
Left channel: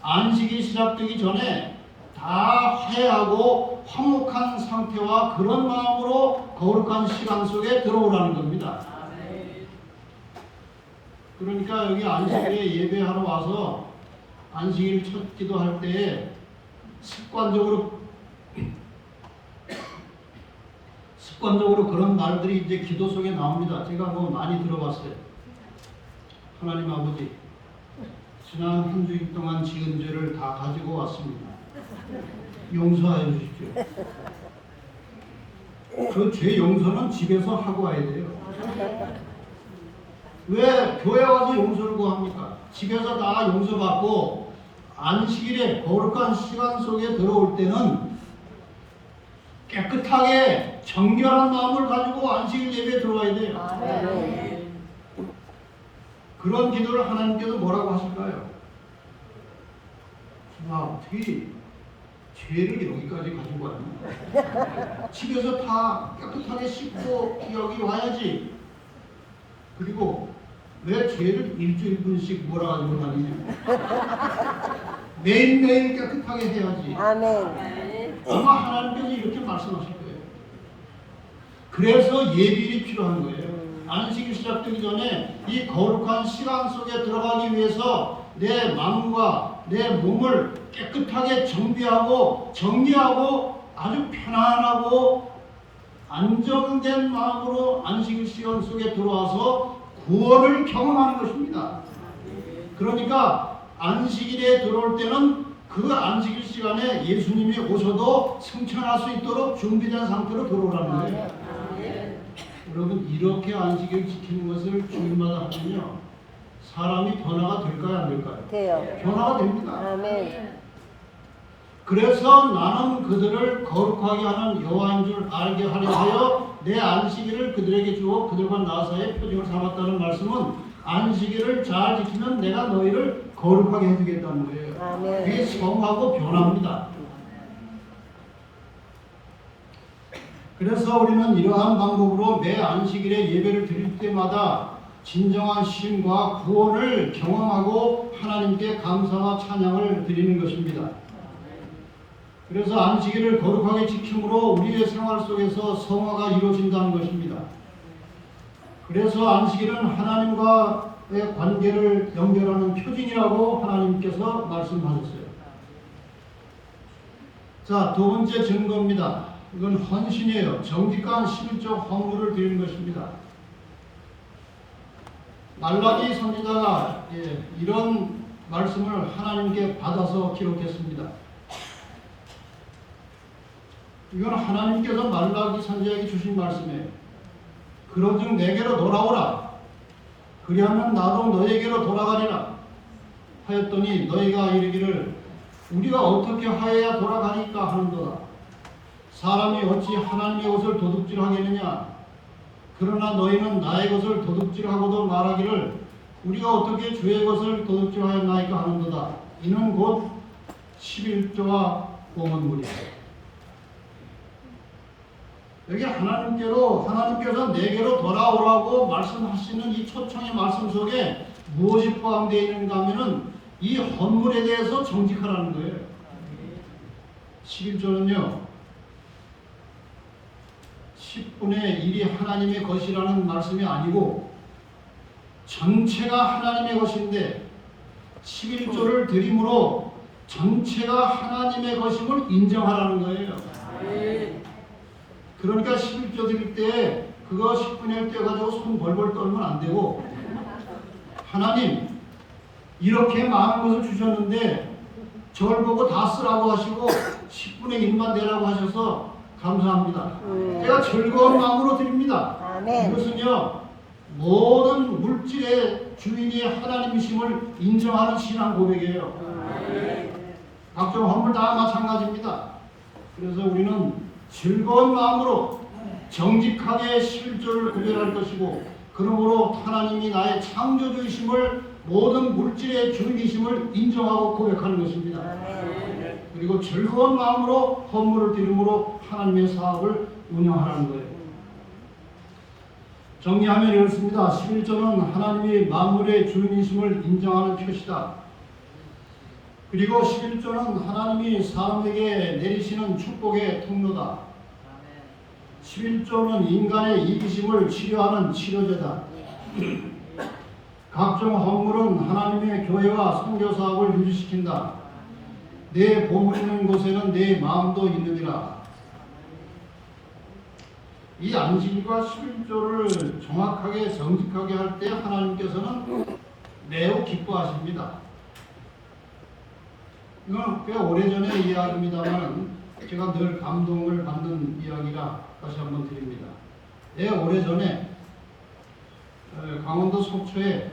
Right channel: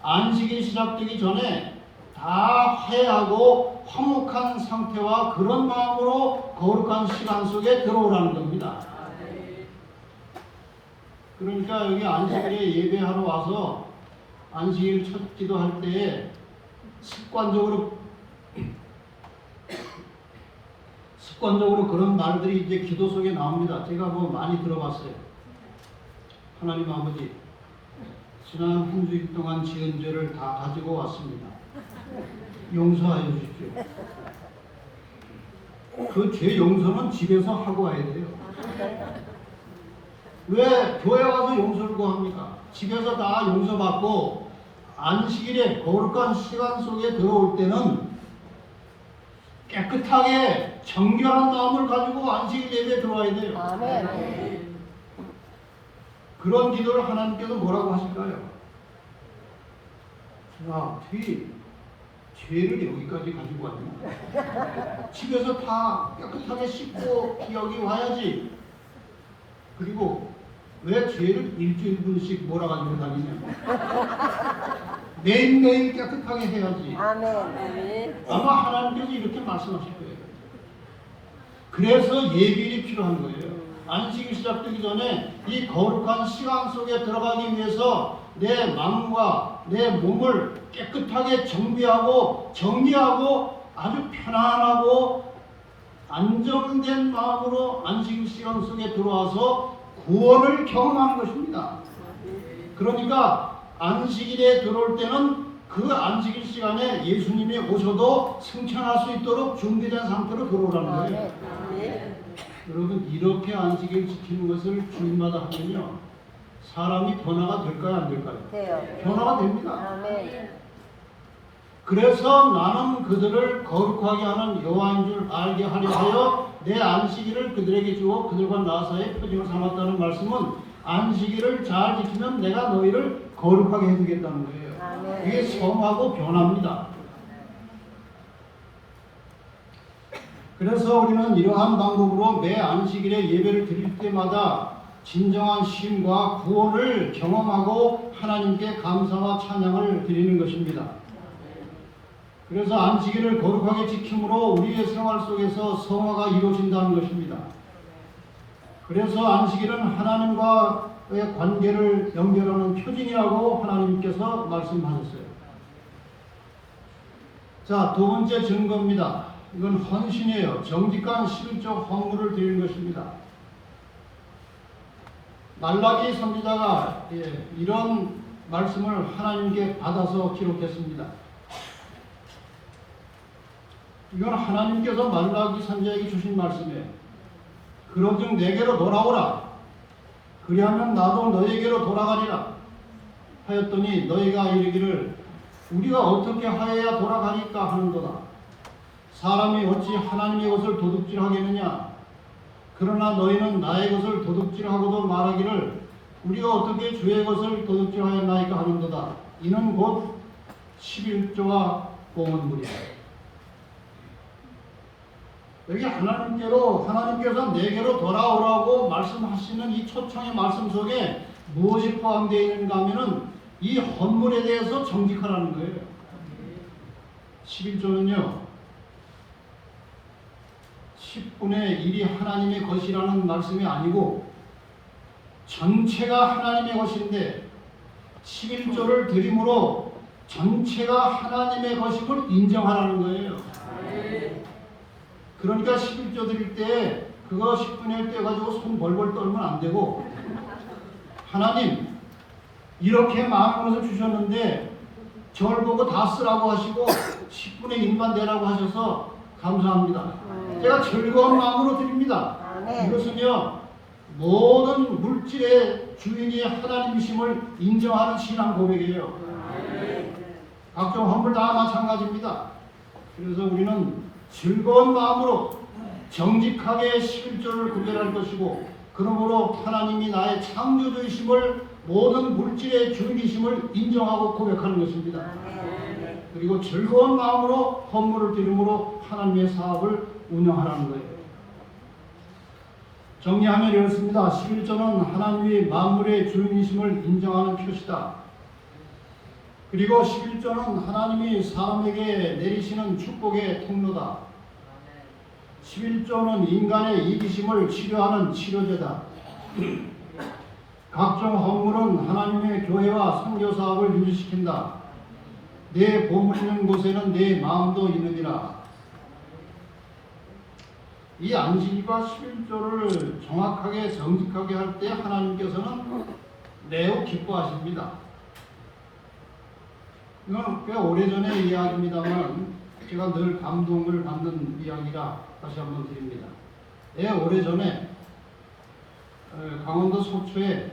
안식이 시작되기 전에 다 화해하고 화목한 상태와 그런 마음으로 거룩한 시간 속에 들어오라는 겁니다. 그러니까 여기 안식일에 예배하러 와서 안식일 첫 기도할 때에 습관적으로 습관적으로 그런 말들이 이제 기도 속에 나옵니다. 제가 뭐 많이 들어봤어요. 하나님 아버지, 지난 한 주일 동안 지은 죄를 다 가지고 왔습니다. 용서하여 주십시오. 그 죄 용서는 집에서 하고 와야 돼요. 왜 교회 와서 용서를 구합니까? 집에서 다 용서받고 안식일에 거룩한 시간 속에 들어올 때는 깨끗하게 정결한 마음을 가지고 안식일 예배에 들어와야 돼요. 아멘. 그런 기도를 하나님께서 뭐라고 하실까요? 자, 어떻게 죄를 여기까지 가지고 왔냐? 집에서 다 깨끗하게 씻고 여기 와야지. 그리고 왜 죄를 일주일분씩 몰아가지고 다니냐? 매일매일 깨끗하게 해야지. 아멘. 아마 하나님께서 이렇게 말씀하실 거예요. 그래서 예비일이 필요한 거예요. 안식이 시작되기 전에 이 거룩한 시간 속에 들어가기 위해서 내 마음과 내 몸을 깨끗하게 정비하고 정리하고 아주 편안하고 안정된 마음으로 안식 시간 속에 들어와서 구원을 경험하는 것입니다. 그러니까 안식일에 들어올 때는 그 안식일 시간에 예수님이 오셔도 승천할 수 있도록 준비된 상태로 들어오라는 거예요. 여러분, 이렇게 안식일 지키는 것을 주일마다 하면요, 사람이 변화가 될까요, 안 될까요? 돼요. 변화가 됩니다. 아멘. 그래서 나는 그들을 거룩하게 하는 여호와인 줄 알게 하려 하여 내 안식일을 그들에게 주어 그들과 나 사이에 표징을 삼았다는 말씀은 안식일을 잘 지키면 내가 너희를 거룩하게 해주겠다는 거예요. 아멘. 그게 성하고 변화입니다. 그래서 우리는 이러한 방법으로 매 안식일에 예배를 드릴 때마다 진정한 쉼과 구원을 경험하고 하나님께 감사와 찬양을 드리는 것입니다. 그래서 안식일을 거룩하게 지킴으로 우리의 생활 속에서 성화가 이루어진다는 것입니다. 그래서 안식일은 하나님과의 관계를 연결하는 표징이라고 하나님께서 말씀하셨어요. 자, 두 번째 증거입니다. 이건 헌신이에요. 정직한 11조 헌물을 드리는 것입니다. 말라기 선지자가 이런 말씀을 하나님께 받아서 기록했습니다. 이건 하나님께서 말라기 선지자에게 주신 말씀이에요. 그런즉 내게로 돌아오라. 그리하면 나도 너에게로 돌아가리라. 하였더니 너희가 이르기를 우리가 어떻게 하여야 돌아가니까 하는도다. 사람이 어찌 하나님의 것을 도둑질하겠느냐. 그러나 너희는 나의 것을 도둑질하고도 말하기를 우리가 어떻게 주의 것을 도둑질하였나이까 하는도다. 이는 곧 11조와 봉헌물이다. 여기 하나님께서 내게로 돌아오라고 말씀하시는 이 초청의 말씀 속에 무엇이 포함되어 있는가 하면은 이 헌물에 대해서 정직하라는 거예요. 11조는요 10분의 1이 하나님의 것이라는 말씀이 아니고 전체가 하나님의 것인데 11조를 드림으로 전체가 하나님의 것임을 인정하라는 거예요. 그러니까 11조 드릴 때 그거 10분의 1 떼가지고 손 벌벌 떨면 안 되고 하나님 이렇게 많은 것을 주셨는데 저를 보고 다 쓰라고 하시고 10분의 1만 내라고 하셔서 감사합니다. 제가 즐거운 마음으로 드립니다. 아멘. 이것은요 모든 물질의 주인이 하나님이심을 인정하는 신앙 고백이에요. 각종 헌물 다 마찬가지입니다. 그래서 우리는 즐거운 마음으로 정직하게 11조를 구별할 것이고 그러므로 하나님이 나의 창조주이심을 모든 물질의 주인이심을 인정하고 고백하는 것입니다. 그리고 즐거운 마음으로 헌물을 드림으로 하나님의 사업을 운영하라는 거예요. 정리하면 이렇습니다. 11조는 하나님이 만물의 주인이심을 인정하는 표시다. 그리고 11조는 하나님이 사람에게 내리시는 축복의 통로다. 11조는 인간의 이기심을 치료하는 치료제다. 각종 헌물은 하나님의 교회와 선교 사업을 유지시킨다. 내 보물 있는 곳에는 내 마음도 있느니라. 이 안식일과 11조를 정확하게 정직하게 할 때 하나님께서는 매우 기뻐하십니다. 이건 꽤 오래전의 이야기입니다만 제가 늘 감동을 받는 이야기라 다시 한번 드립니다. 오래전에 강원도 속초에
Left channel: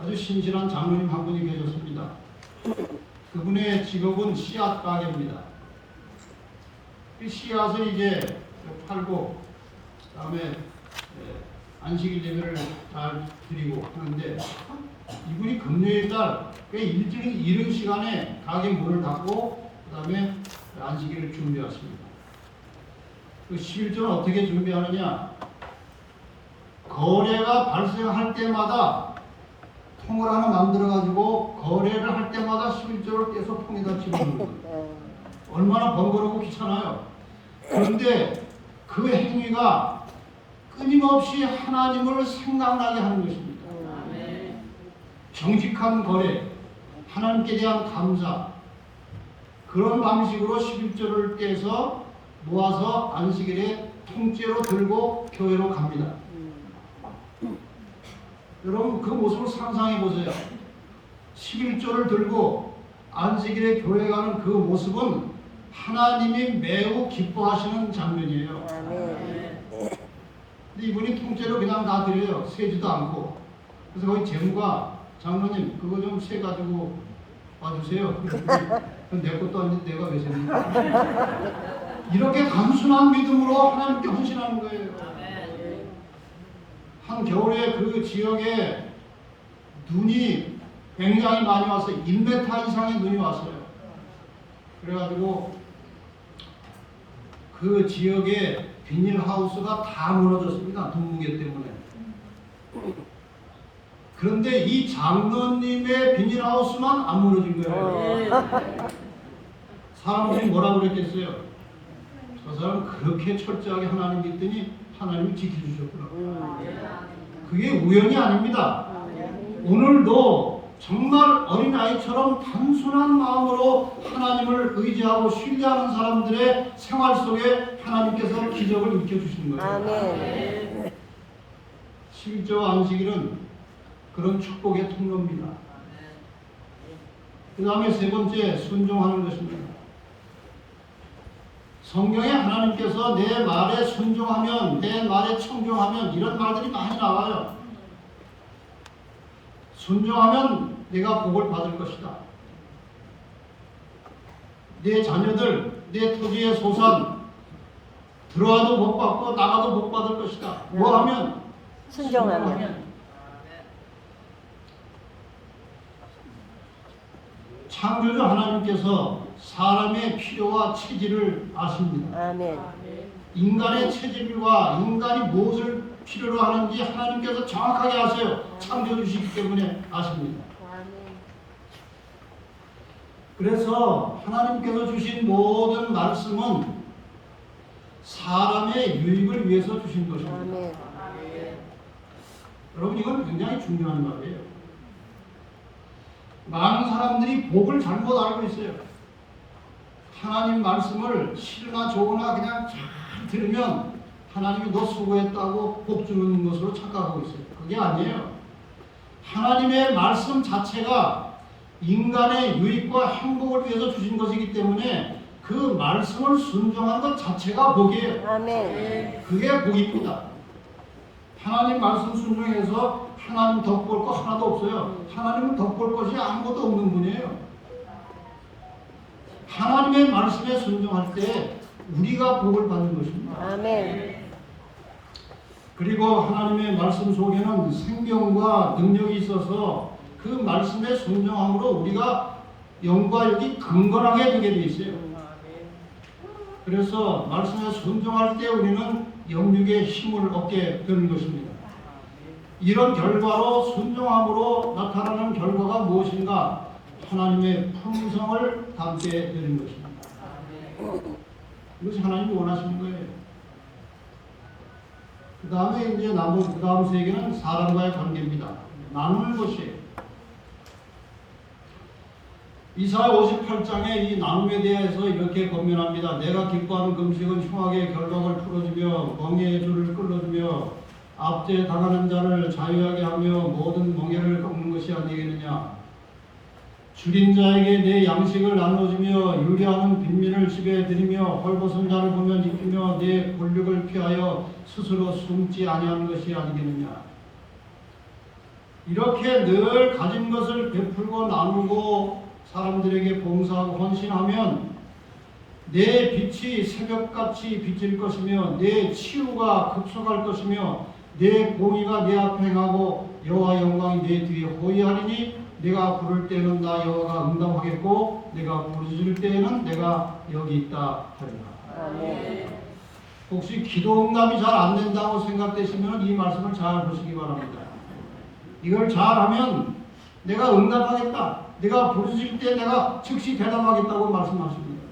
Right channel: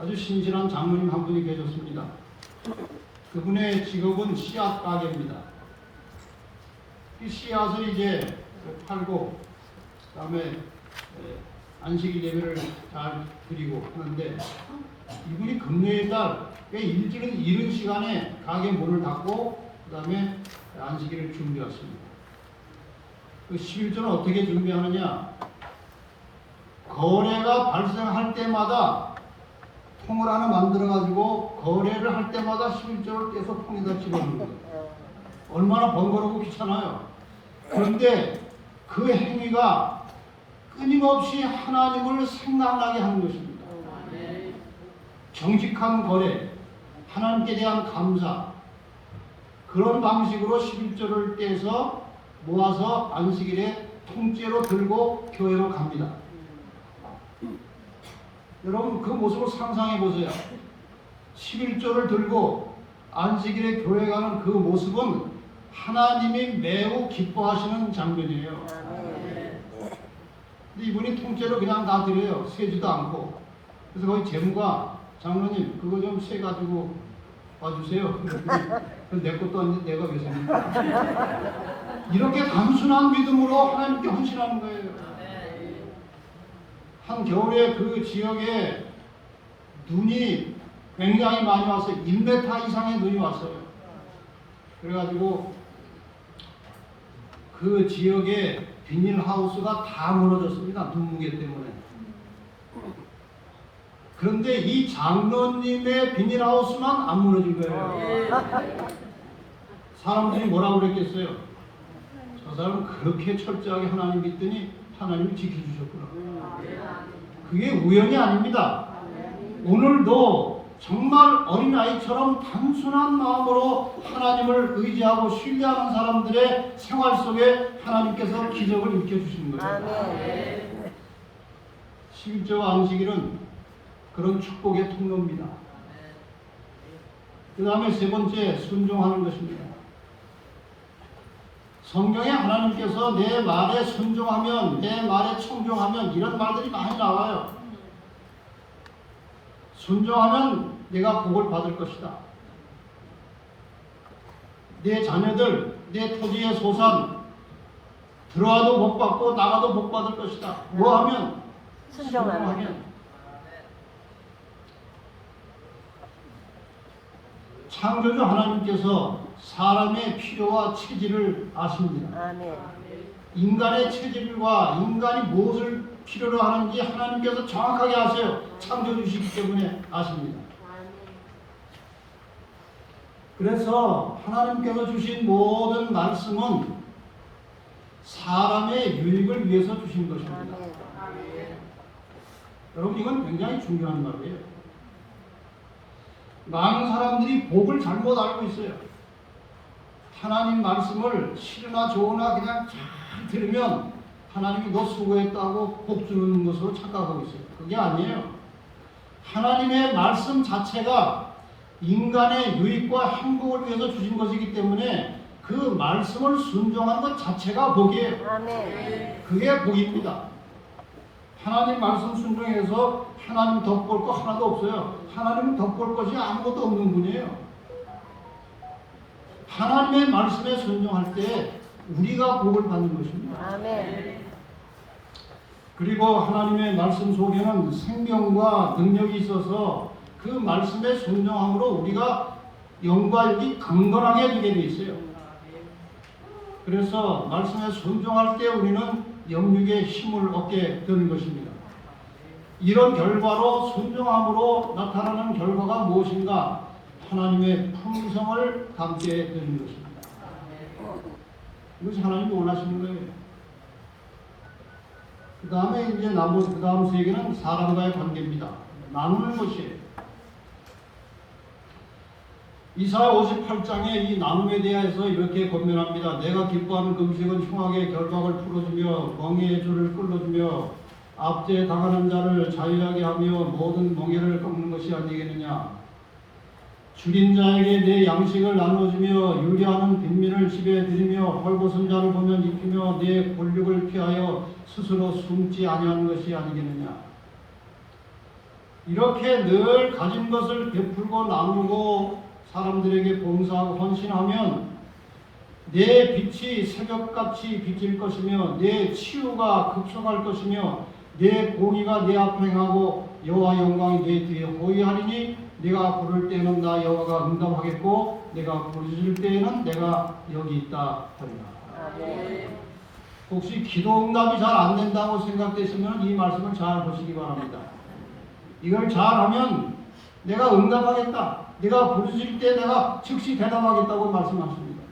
아주 신실한 장로님 한 분이 계셨습니다. 그분의 직업은 씨앗 가게입니다. 그 씨앗을 이제 팔고 그다음에 안식일 예배를 잘 드리고 하는데 이분이 금요일날 꽤 이른 시간에 가게 문을 닫고 그다음에 안식일을 준비했습니다. 그 11조는 어떻게 준비하느냐? 거래가 발생할 때마다 통을 하나 만들어 가지고 거래를 할 때마다 11조를 떼서 통에다 집어넣는 거예요. 얼마나 번거롭고 귀찮아요. 그런데 그 행위가 끊임없이 하나님을 생각나게 하는 것입니다. 정직한 거래, 하나님께 대한 감사, 그런 방식으로 11조를 떼서 모아서 안식일에 통째로 들고 교회로 갑니다. 여러분 그 모습을 상상해 보세요. 11조를 들고 안식일에 교회 가는 그 모습은 하나님이 매우 기뻐하시는 장면이에요. 근데 이분이 통째로 그냥 다 드려요. 세지도 않고. 그래서 거기 재무가 장로님 그거 좀 세 가지고 와주세요. 내 것도 아닌데 내가 왜 셉니까? 이렇게 단순한 믿음으로 하나님께 헌신하는 거예요. 한 겨울에 그 지역에 눈이 굉장히 많이 왔어요. 1m 이상의 눈이 왔어요. 그래가지고 그 지역에 비닐하우스가 다 무너졌습니다. 눈무게 때문에. 그런데 이 장로님의 비닐하우스만 안 무너진 거예요. 사람들이 뭐라고 그랬겠어요? 저 사람 그렇게 철저하게 하나님 믿더니 하나님이 지켜주셨구나. 그게 우연이 아닙니다. 오늘도 정말 어린아이처럼 단순한 마음으로 하나님을 의지하고 신뢰하는 사람들의 생활 속에 하나님께서 기적을 일으켜주시는 거예요. 11조 안식일은 그런 축복의 통로입니다. 그 다음에 세 번째, 순종하는 것입니다. 성경에 하나님께서 내 말에 순종하면, 내 말에 청종하면 이런 말들이 많이 나와요. 순종하면 내가 복을 받을 것이다. 내 자녀들, 내 토지의 소산 들어와도 복 받고 나가도 복 받을 것이다. 뭐 하면? 순종하면. 창조주 하나님께서 사람의 필요와 체질을 아십니다. 아멘. 인간의 체질과 인간이 무엇을 필요로 하는지 하나님께서 정확하게 아세요. 창조주시기 때문에 아십니다. 그래서 하나님께서 주신 모든 말씀은 사람의 유익을 위해서 주신 것입니다. 여러분 이건 굉장히 중요한 말이에요. 많은 사람들이 복을 잘못 알고 있어요. 하나님 말씀을 싫으나 좋으나 그냥 잘 들으면 하나님이 너 수고했다고 복 주는 것으로 착각하고 있어요. 그게 아니에요. 하나님의 말씀 자체가 인간의 유익과 행복을 위해서 주신 것이기 때문에 그 말씀을 순종한 것 자체가 복이에요. 아멘. 그게 복입니다. 하나님 말씀 순종해서 하나님 덕볼 거 하나도 없어요. 하나님은 덕볼 것이 아무것도 없는 분이에요. 하나님의 말씀에 순종할 때 우리가 복을 받는 것입니다. 아멘. 그리고 하나님의 말씀 속에는 생명과 능력이 있어서 그 말씀에 순종함으로 우리가 영과 육이 강건하게 되게 돼 있어요. 그래서 말씀에 순종할 때 우리는 영육의 힘을 얻게 되는 것입니다. 이런 결과로 순종함으로 나타나는 결과가 무엇인가? 하나님의 품성을 담게 되는 것입니다. 이것이 하나님이 원하시는 거예요. 그 다음에 이제 그 다음 세 개는 사람과의 관계입니다. 나누는 것이에요. 이사야 58장에 이 나눔에 대해서 이렇게 권면합니다. 내가 기뻐하는 금식은 흉악의 결박을 풀어주며 멍에의 줄을 끌어주며 압제에 당하는 자를 자유하게 하며 모든 멍에를 꺾는 것이 아니겠느냐. 줄인 자에게 내 양식을 나눠주며 유리하는 빈민을 집에 들이며 헐벗은 자를 보면 입히며 내 권력을 피하여 스스로 숨지 아니하는 것이 아니겠느냐. 이렇게 늘 가진 것을 베풀고 나누고 사람들에게 봉사하고 헌신하면 내 빛이 새벽같이 비칠 것이며 내 치유가 급속할 것이며 내 공의가 내 앞에 행하고 여호와 영광이 내 뒤에 호위하리니 내가 부를 때에는 나 여호와가 응답하겠고 내가 부르짖을 때에는 내가 여기 있다 하리라. 혹시 기도 응답이 잘 안 된다고 생각되시면 이 말씀을 잘 보시기 바랍니다. 이걸 잘하면 내가 응답하겠다. 내가 부르짖을 때 내가 즉시 대답하겠다고 말씀하십니다.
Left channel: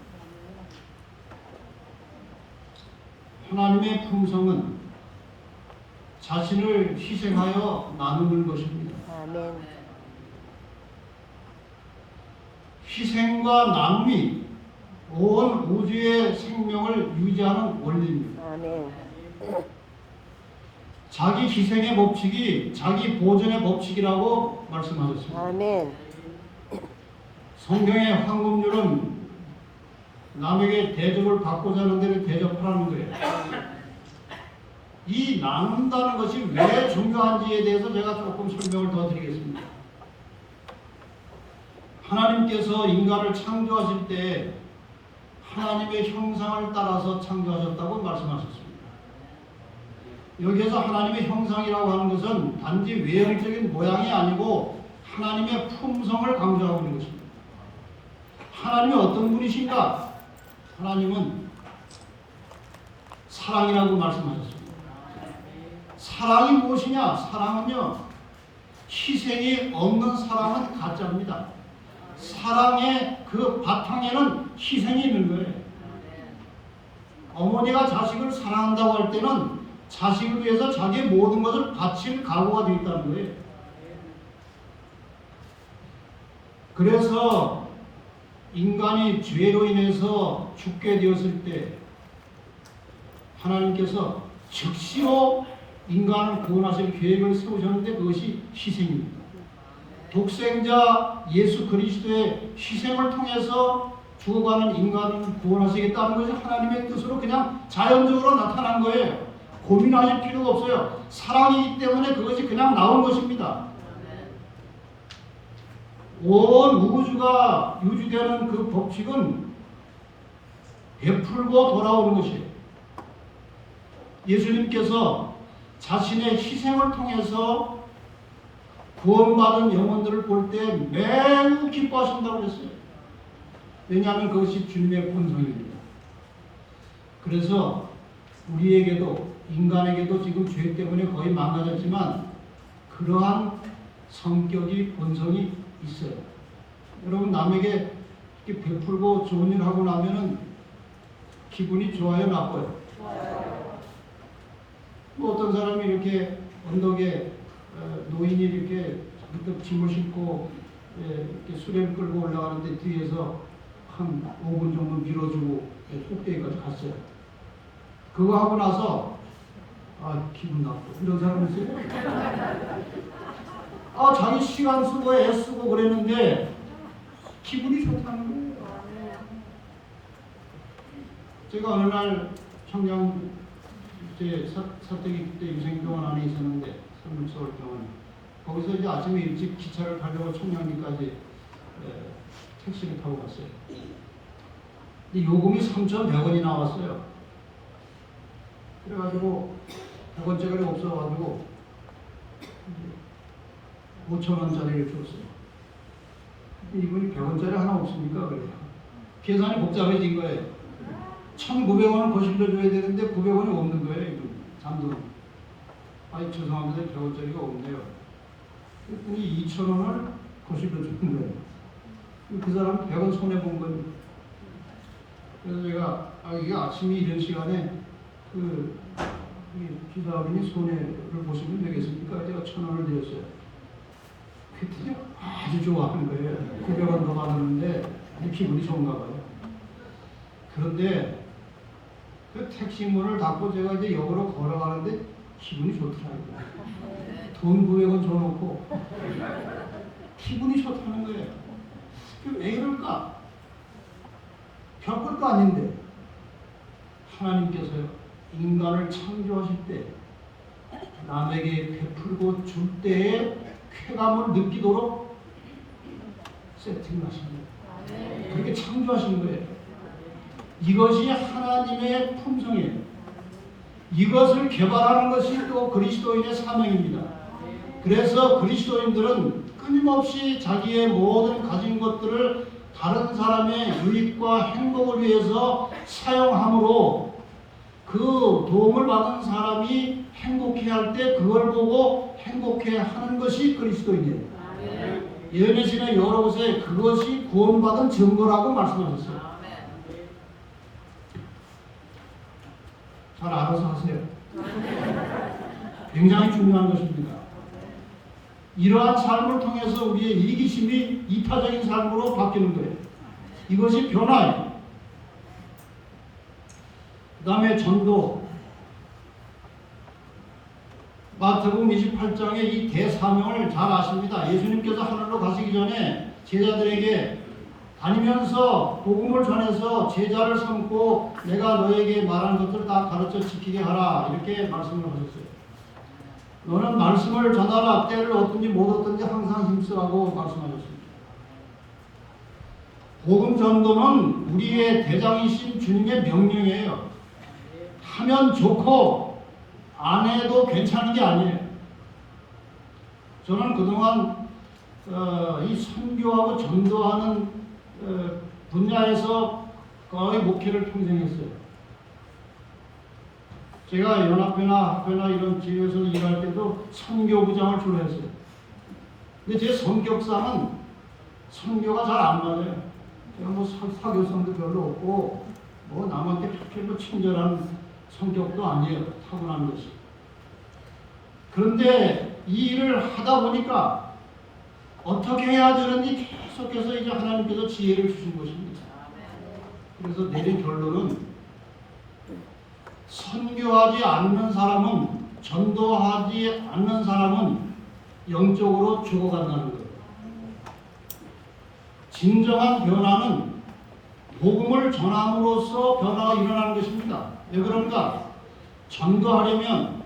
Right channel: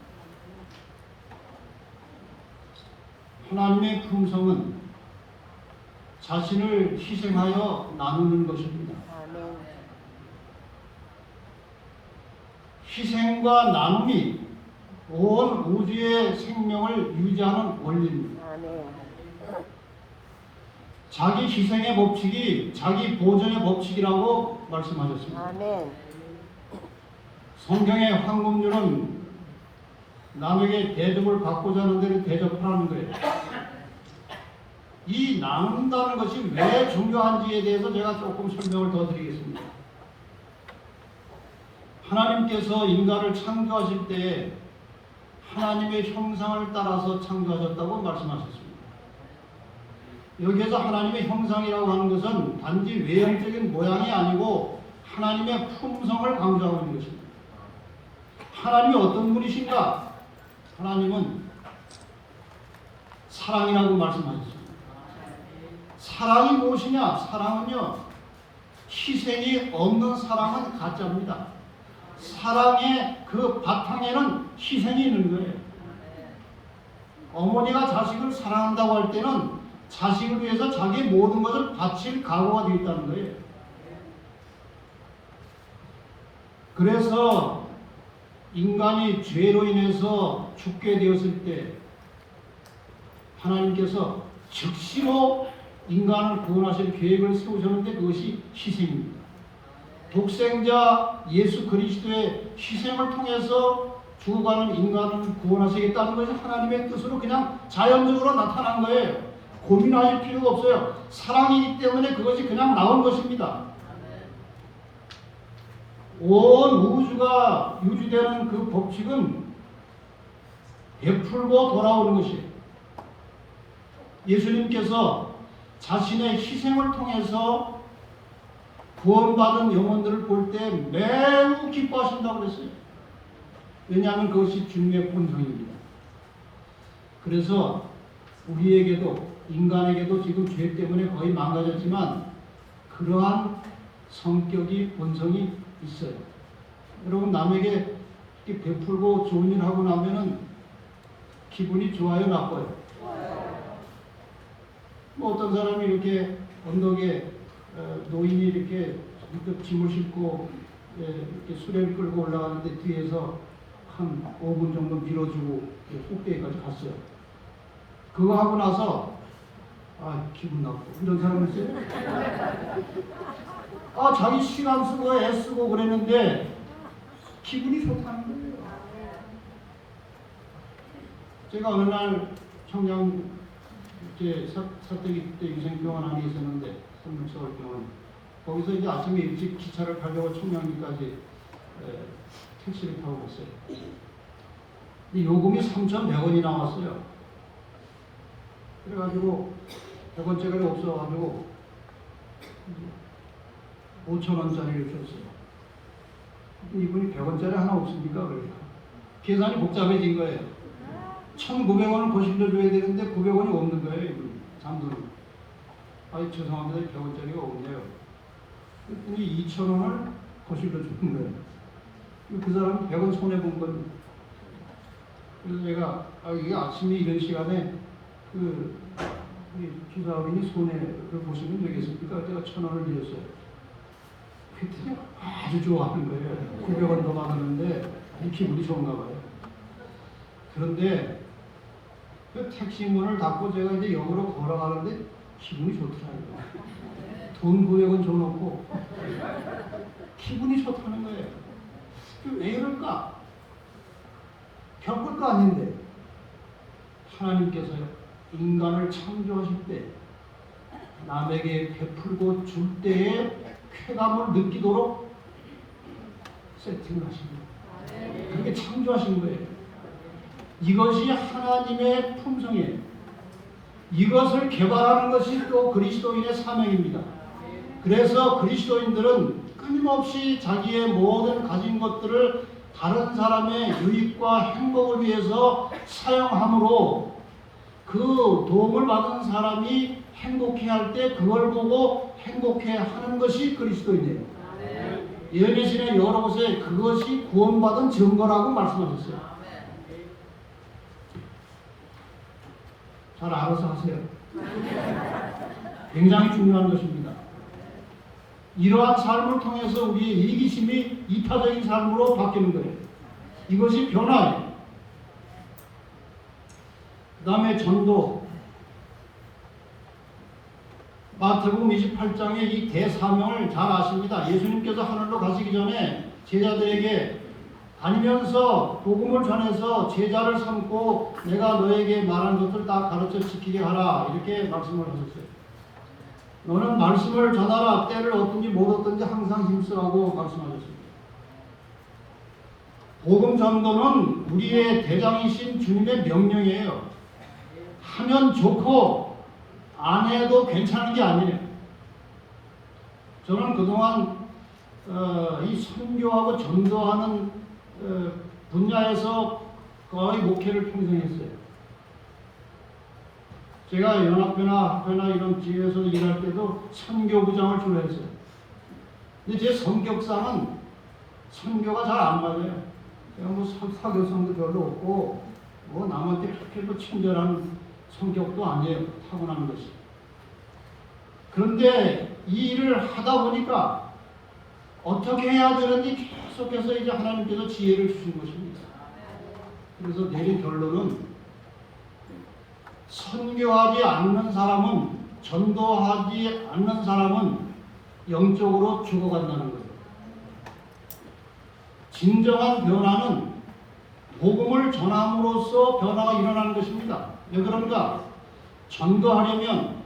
하나님의 품성은 자신을 희생하여 나누는 것입니다. 희생과 나눔이 온 우주의 생명을 유지하는 원리입니다. 자기 희생의 법칙이 자기 보존의 법칙이라고 말씀하셨습니다. 성경의 황금률은 남에게 대접을 받고자 하는 데는 대접하라는 거예요. 이 나눈다는 것이 왜 중요한지에 대해서 제가 조금 설명을 더 드리겠습니다. 하나님께서 인간을 창조하실 때 하나님의 형상을 따라서 창조하셨다고 말씀하셨습니다. 여기에서 하나님의 형상이라고 하는 것은 단지 외형적인 모양이 아니고 하나님의 품성을 강조하고 있는 것입니다. 하나님이 어떤 분이신가? 하나님은 사랑이라고 말씀하셨습니다. 사랑이 무엇이냐? 사랑은요, 희생이 없는 사랑은 가짜입니다. 사랑의 그 바탕에는 희생이 있는 거예요. 어머니가 자식을 사랑한다고 할 때는 자식을 위해서 자기의 모든 것을 바칠 각오가 되어 있다는 거예요. 그래서 인간이 죄로 인해서 죽게 되었을 때 하나님께서 즉시로 인간을 구원하실 계획을 세우셨는데 그것이 희생입니다. 독생자 예수 그리스도의 희생을 통해서 죽어가는 인간을 구원하시겠다는 것이 하나님의 뜻으로 그냥 자연적으로 나타난 거예요. 고민하실 필요가 없어요. 사랑이기 때문에 그것이 그냥 나온 것입니다. 온 우주가 유지되는 그 법칙은 베풀고 돌아오는 것이에요. 예수님께서 자신의 희생을 통해서 구원받은 영혼들을 볼 때 매우 기뻐하신다고 그랬어요. 왜냐하면 그것이 주님의 본성입니다. 그래서 우리에게도 인간에게도 지금 죄 때문에 거의 망가졌지만 그러한 성격이 본성이 있어요. 여러분 남에게 이렇게 베풀고 좋은 일 하고 나면은 기분이 좋아요, 나빠요? 뭐 어떤 사람이 이렇게 언덕에 노인이 이렇게 문득 짐을 싣고 이렇게 수레를 끌고 올라가는데 뒤에서 한 5분 정도 밀어주고 속대기까지 갔어요. 그거 하고 나서 기분 나쁘고 이런 사람이 있어요. 자기 시간 쓰고 애쓰고 그랬는데 기분이 좋다는 거예요. 제가 어느 날 평양 사택이 때 유생병원 안에 있었는데 서울병원 거기서 이제 아침에 일찍 기차를 타려고 청량리까지 택시를 타고 갔어요. 근데 요금이 3,100원이 나왔어요. 그래가지고 100원짜리가 없어가지고 5,000원짜리를 줬어요. 이분이 100원짜리 하나 없습니까? 그래요. 계산이 복잡해진 거예요. 1,900원을 거실로 줘야 되는데 900원이 없는 거예요. 이분 장군이. 죄송합니다. 100원짜리가 없네요. 그랬더니 2,000원을 거실로 주는 거예요. 그 사람은 100원 손해본 거예요. 그래서 제가 이게 아침에 이런 시간에 기사어린이 손해를 보시면 되겠습니까? 제가 1,000원을 드렸어요. 그랬더니 아주 좋아하는 거예요. 900원 더 받았는데 기분이 좋은가 봐요. 그런데 그 택시 문을 닫고 제가 이제 역으로 걸어가는데 기분이 좋더라고요. 돈 900원 줘놓고 기분이 좋다는 거예요. 왜 이럴까? 별것도 아닌데 하나님께서요, 인간을 창조하실 때 남에게 베풀고 줄 때에 쾌감을 느끼도록 세팅을 하신 거예요. 그렇게 창조하신 거예요. 이것이 하나님의 품성이에요. 이것을 개발하는 것이 또 그리스도인의 사명입니다. 그래서 그리스도인들은 끊임없이 자기의 모든 가진 것들을 다른 사람의 유익과 행복을 위해서 사용함으로 그 도움을 받은 사람이 행복해할 때 그걸 보고 행복해하는 것이 그리스도인이에요. 예언의 여러 곳에 그것이 구원받은 증거라고 말씀하셨어요. 잘 알아서 하세요. 굉장히 중요한 것입니다. 이러한 삶을 통해서 우리의 이기심이 이타적인 삶으로 바뀌는 거예요. 이것이 변화예요. 그 다음에 전도. 마태복음 28장의 이 대사명을 잘 아십니다. 예수님께서 하늘로 가시기 전에 제자들에게 다니면서 복음을 전해서 제자를 삼고 내가 너에게 말한 것들 다 가르쳐 지키게 하라, 이렇게 말씀을 하셨어요. 너는 말씀을 전하라. 때를 얻든지 못 얻든지 항상 힘쓰라고 말씀하셨습니다. 복음 전도는 우리의 대장이신 주님의 명령이에요. 하면 좋고 안 해도 괜찮은 게 아니에요. 저는 그동안 이 선교하고 전도하는 분야에서 거의 목회를 평생 했어요. 제가 연합회나 학회나 이런 기회에서 일할 때도 선교부장을 주로 했어요. 근데 제 성격상은 선교가 잘 안 맞아요. 제가 뭐 사교성도 별로 없고 뭐 남한테 그렇게 뭐 친절한 성격도 아니에요. 타고난 것이. 그런데 이 일을 하다 보니까 어떻게 해야 되는지 계속해서 이제 하나님께서 지혜를 주신 것입니다. 그래서 내린 결론은 선교하지 않는 사람은, 전도하지 않는 사람은 영적으로 죽어간다는 거예요. 진정한 변화는 복음을 전함으로써 변화가 일어나는 것입니다. 왜 그런가? 전도하려면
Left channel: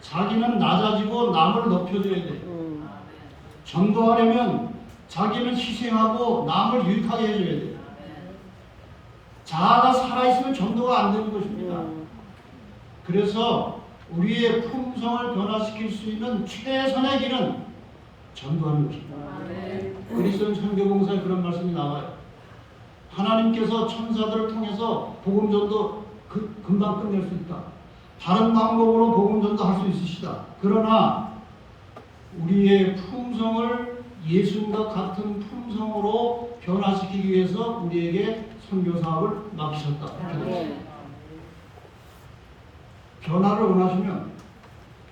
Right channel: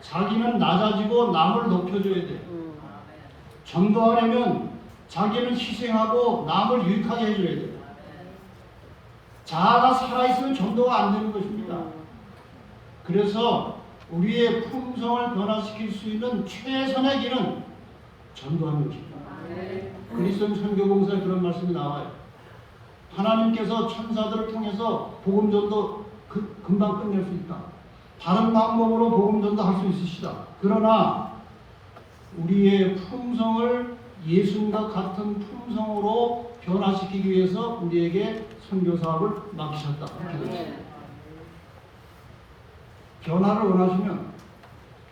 자기는 낮아지고 남을 높여줘야 돼요. 전도하려면 자기는 희생하고 남을 유익하게 해줘야 돼요. 자아가 살아있으면 전도가 안 되는 것입니다. 그래서 우리의 품성을 변화시킬 수 있는 최선의 길은 전도하는 것입니다. 그리스도 선교공사에 그런 말씀이 나와요. 하나님께서 천사들을 통해서 복음 전도 금방 끝낼 수 있다. 다른 방법으로 복음 전도 할 수 있으시다. 그러나 우리의 품성을 예수님과 같은 품성으로 변화시키기 위해서 우리에게 선교 사업을 맡기셨다. 변화를 원하시면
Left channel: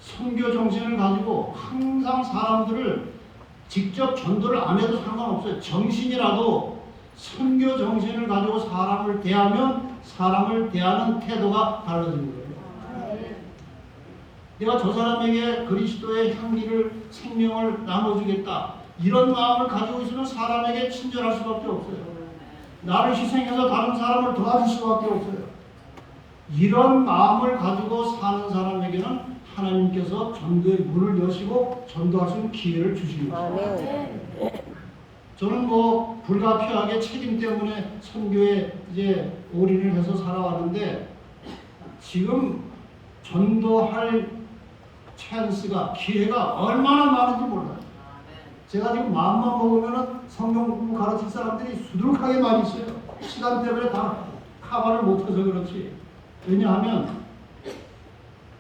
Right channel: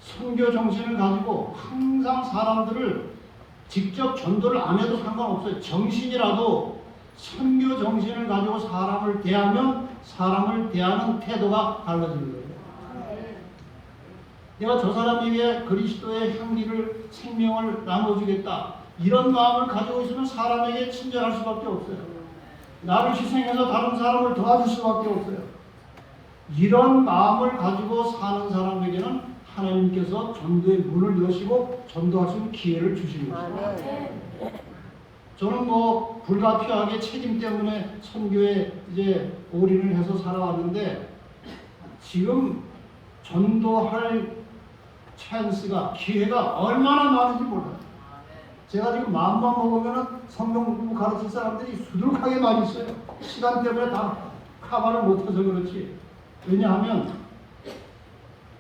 선교 정신을 가지고 항상 사람들을 직접 전도를 안 해도 상관없어요. 정신이라도 선교 정신을 가지고 사람을 대하면 사람을 대하는 태도가 달라지는 거예요. 내가 저 사람에게 그리스도의 향기를, 생명을 나눠주겠다, 이런 마음을 가지고 있으면 사람에게 친절할 수밖에 없어요. 나를 희생해서 다른 사람을 도와줄 수밖에 없어요. 이런 마음을 가지고 사는 사람에게는 하나님께서 전도의 문을 여시고 전도할 수 있는 기회를 주시는 것입니다. 저는 뭐 불가피하게 책임 때문에 선교에 이제 올인을 해서 살아왔는데 지금 전도할 찬스가, 기회가 얼마나 많은지 몰라요. 제가 지금 마음만 먹으면 성경 공부 가르칠 사람들이 수두룩하게 많이 있어요. 시간 때문에 다 커버를 못해서 그렇지. 왜냐하면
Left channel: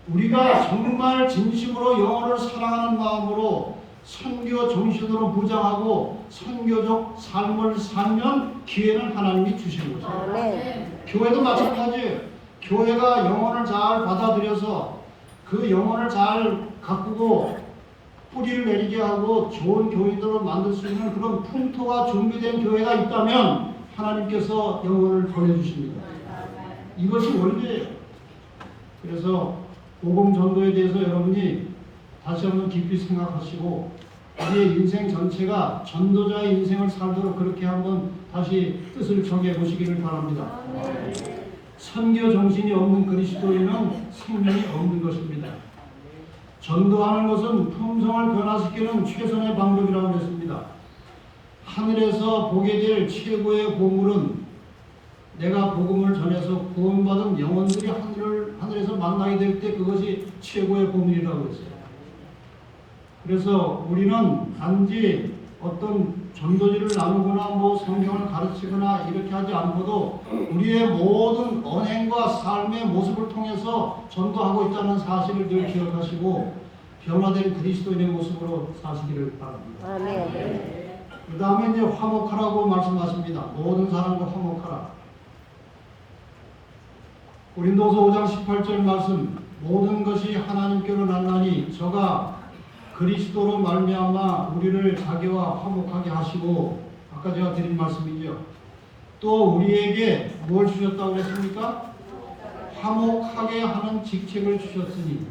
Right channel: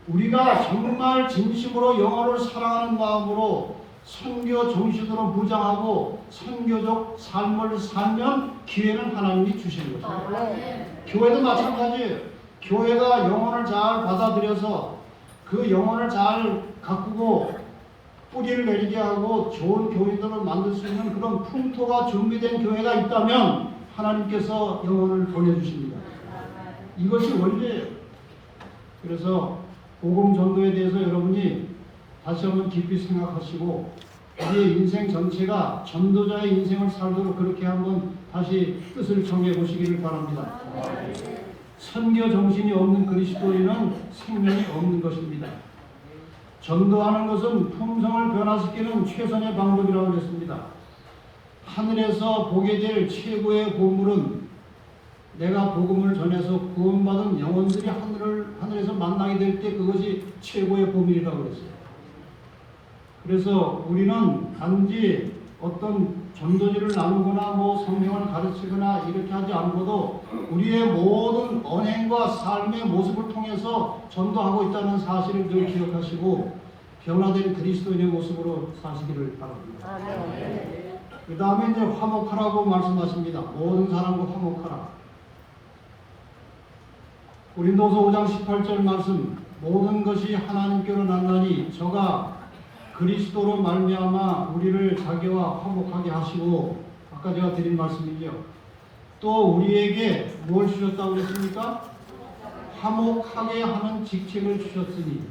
우리가 정말 진심으로 영혼을 사랑하는 마음으로 선교 정신으로 무장하고 선교적 삶을 살면 기회는 하나님이 주시는 거죠. 교회도 마찬가지예요. 교회가 영혼을 잘 받아들여서 그 영혼을 잘 가꾸고 뿌리를 내리게 하고 좋은 교인으로 만들 수 있는 그런 풍토가 준비된 교회가 있다면 하나님께서 영혼을 보내주십니다. 이것이 원리예요. 그래서 복음 전도에 대해서 여러분이 다시 한번 깊이 생각하시고 우리의 인생 전체가 전도자의 인생을 살도록 그렇게 한번 다시 뜻을 정해 보시기를 바랍니다. 선교 정신이 없는 그리스도인은 생명이 없는 것입니다. 전도하는 것은 품성을 변화시키는 최선의 방법이라고 했습니다. 하늘에서 보게 될 최고의 보물은 내가 복음을 전해서 구원받은 영혼들이 하늘에서 만나게 될 때 그것이 최고의 보물이라고 했어요. 그래서 우리는 단지 어떤 전도지를 나누거나 성경을 가르치거나 이렇게 하지 않고도 우리의 모든 언행과 삶의 모습을 통해서 전도하고 있다는 사실을 늘 기억하시고 변화된 그리스도인의 모습으로 사시기를 바랍니다. 그 다음에 이제 화목하라고 말씀하십니다. 모든 사람과 화목하라. 고린도서 5장 18절 말씀, 모든 것이 하나님께로 났나니 저가 그리스도로 말미암아 우리를 자기와 화목하게 하시고, 아까 제가 드린 말씀이죠. 또 우리에게 뭘 주셨다고 했습니까? 화목하게 하는 직책을 주셨으니.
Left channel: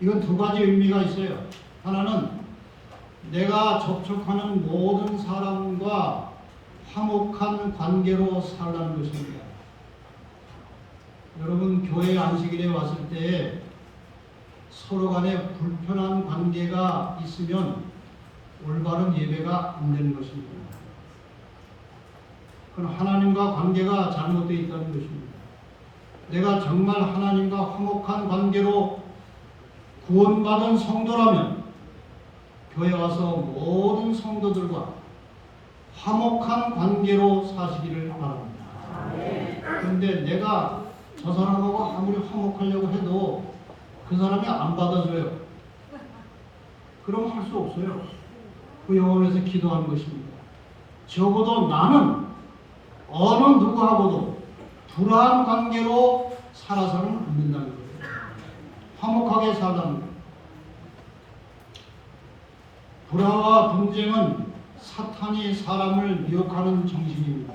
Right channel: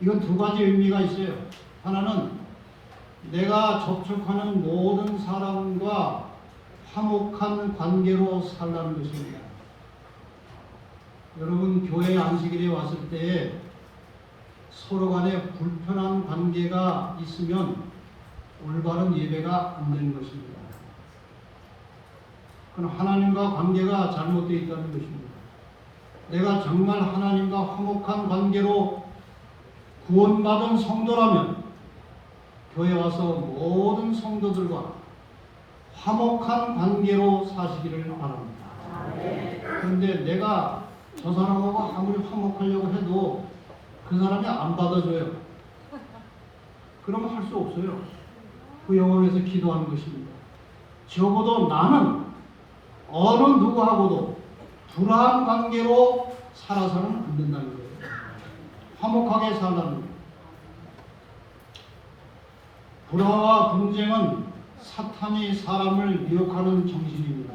이건 두 가지 의미가 있어요. 하나는 내가 접촉하는 모든 사람과 화목한 관계로 살라는 것입니다. 여러분 교회 안식일에 왔을 때 서로 간에 불편한 관계가 있으면 올바른 예배가 안 되는 것입니다. 그건 하나님과 관계가 잘못되어 있다는 것입니다. 내가 정말 하나님과 화목한 관계로 구원받은 성도라면 교회 와서 모든 성도들과 화목한 관계로 사시기를 바랍니다. 그런데 내가 저 사람하고 아무리 화목하려고 해도 그 사람이 안 받아줘요. 그럼 할 수 없어요. 그 영혼에서 기도하는 것입니다. 적어도 나는 어느 누구하고도 불화한 관계로 살아서는 안 된다는 거예요. 화목하게 살라는 거예요. 불화와 분쟁은 사탄이 사람을 미혹하는 정신입니다.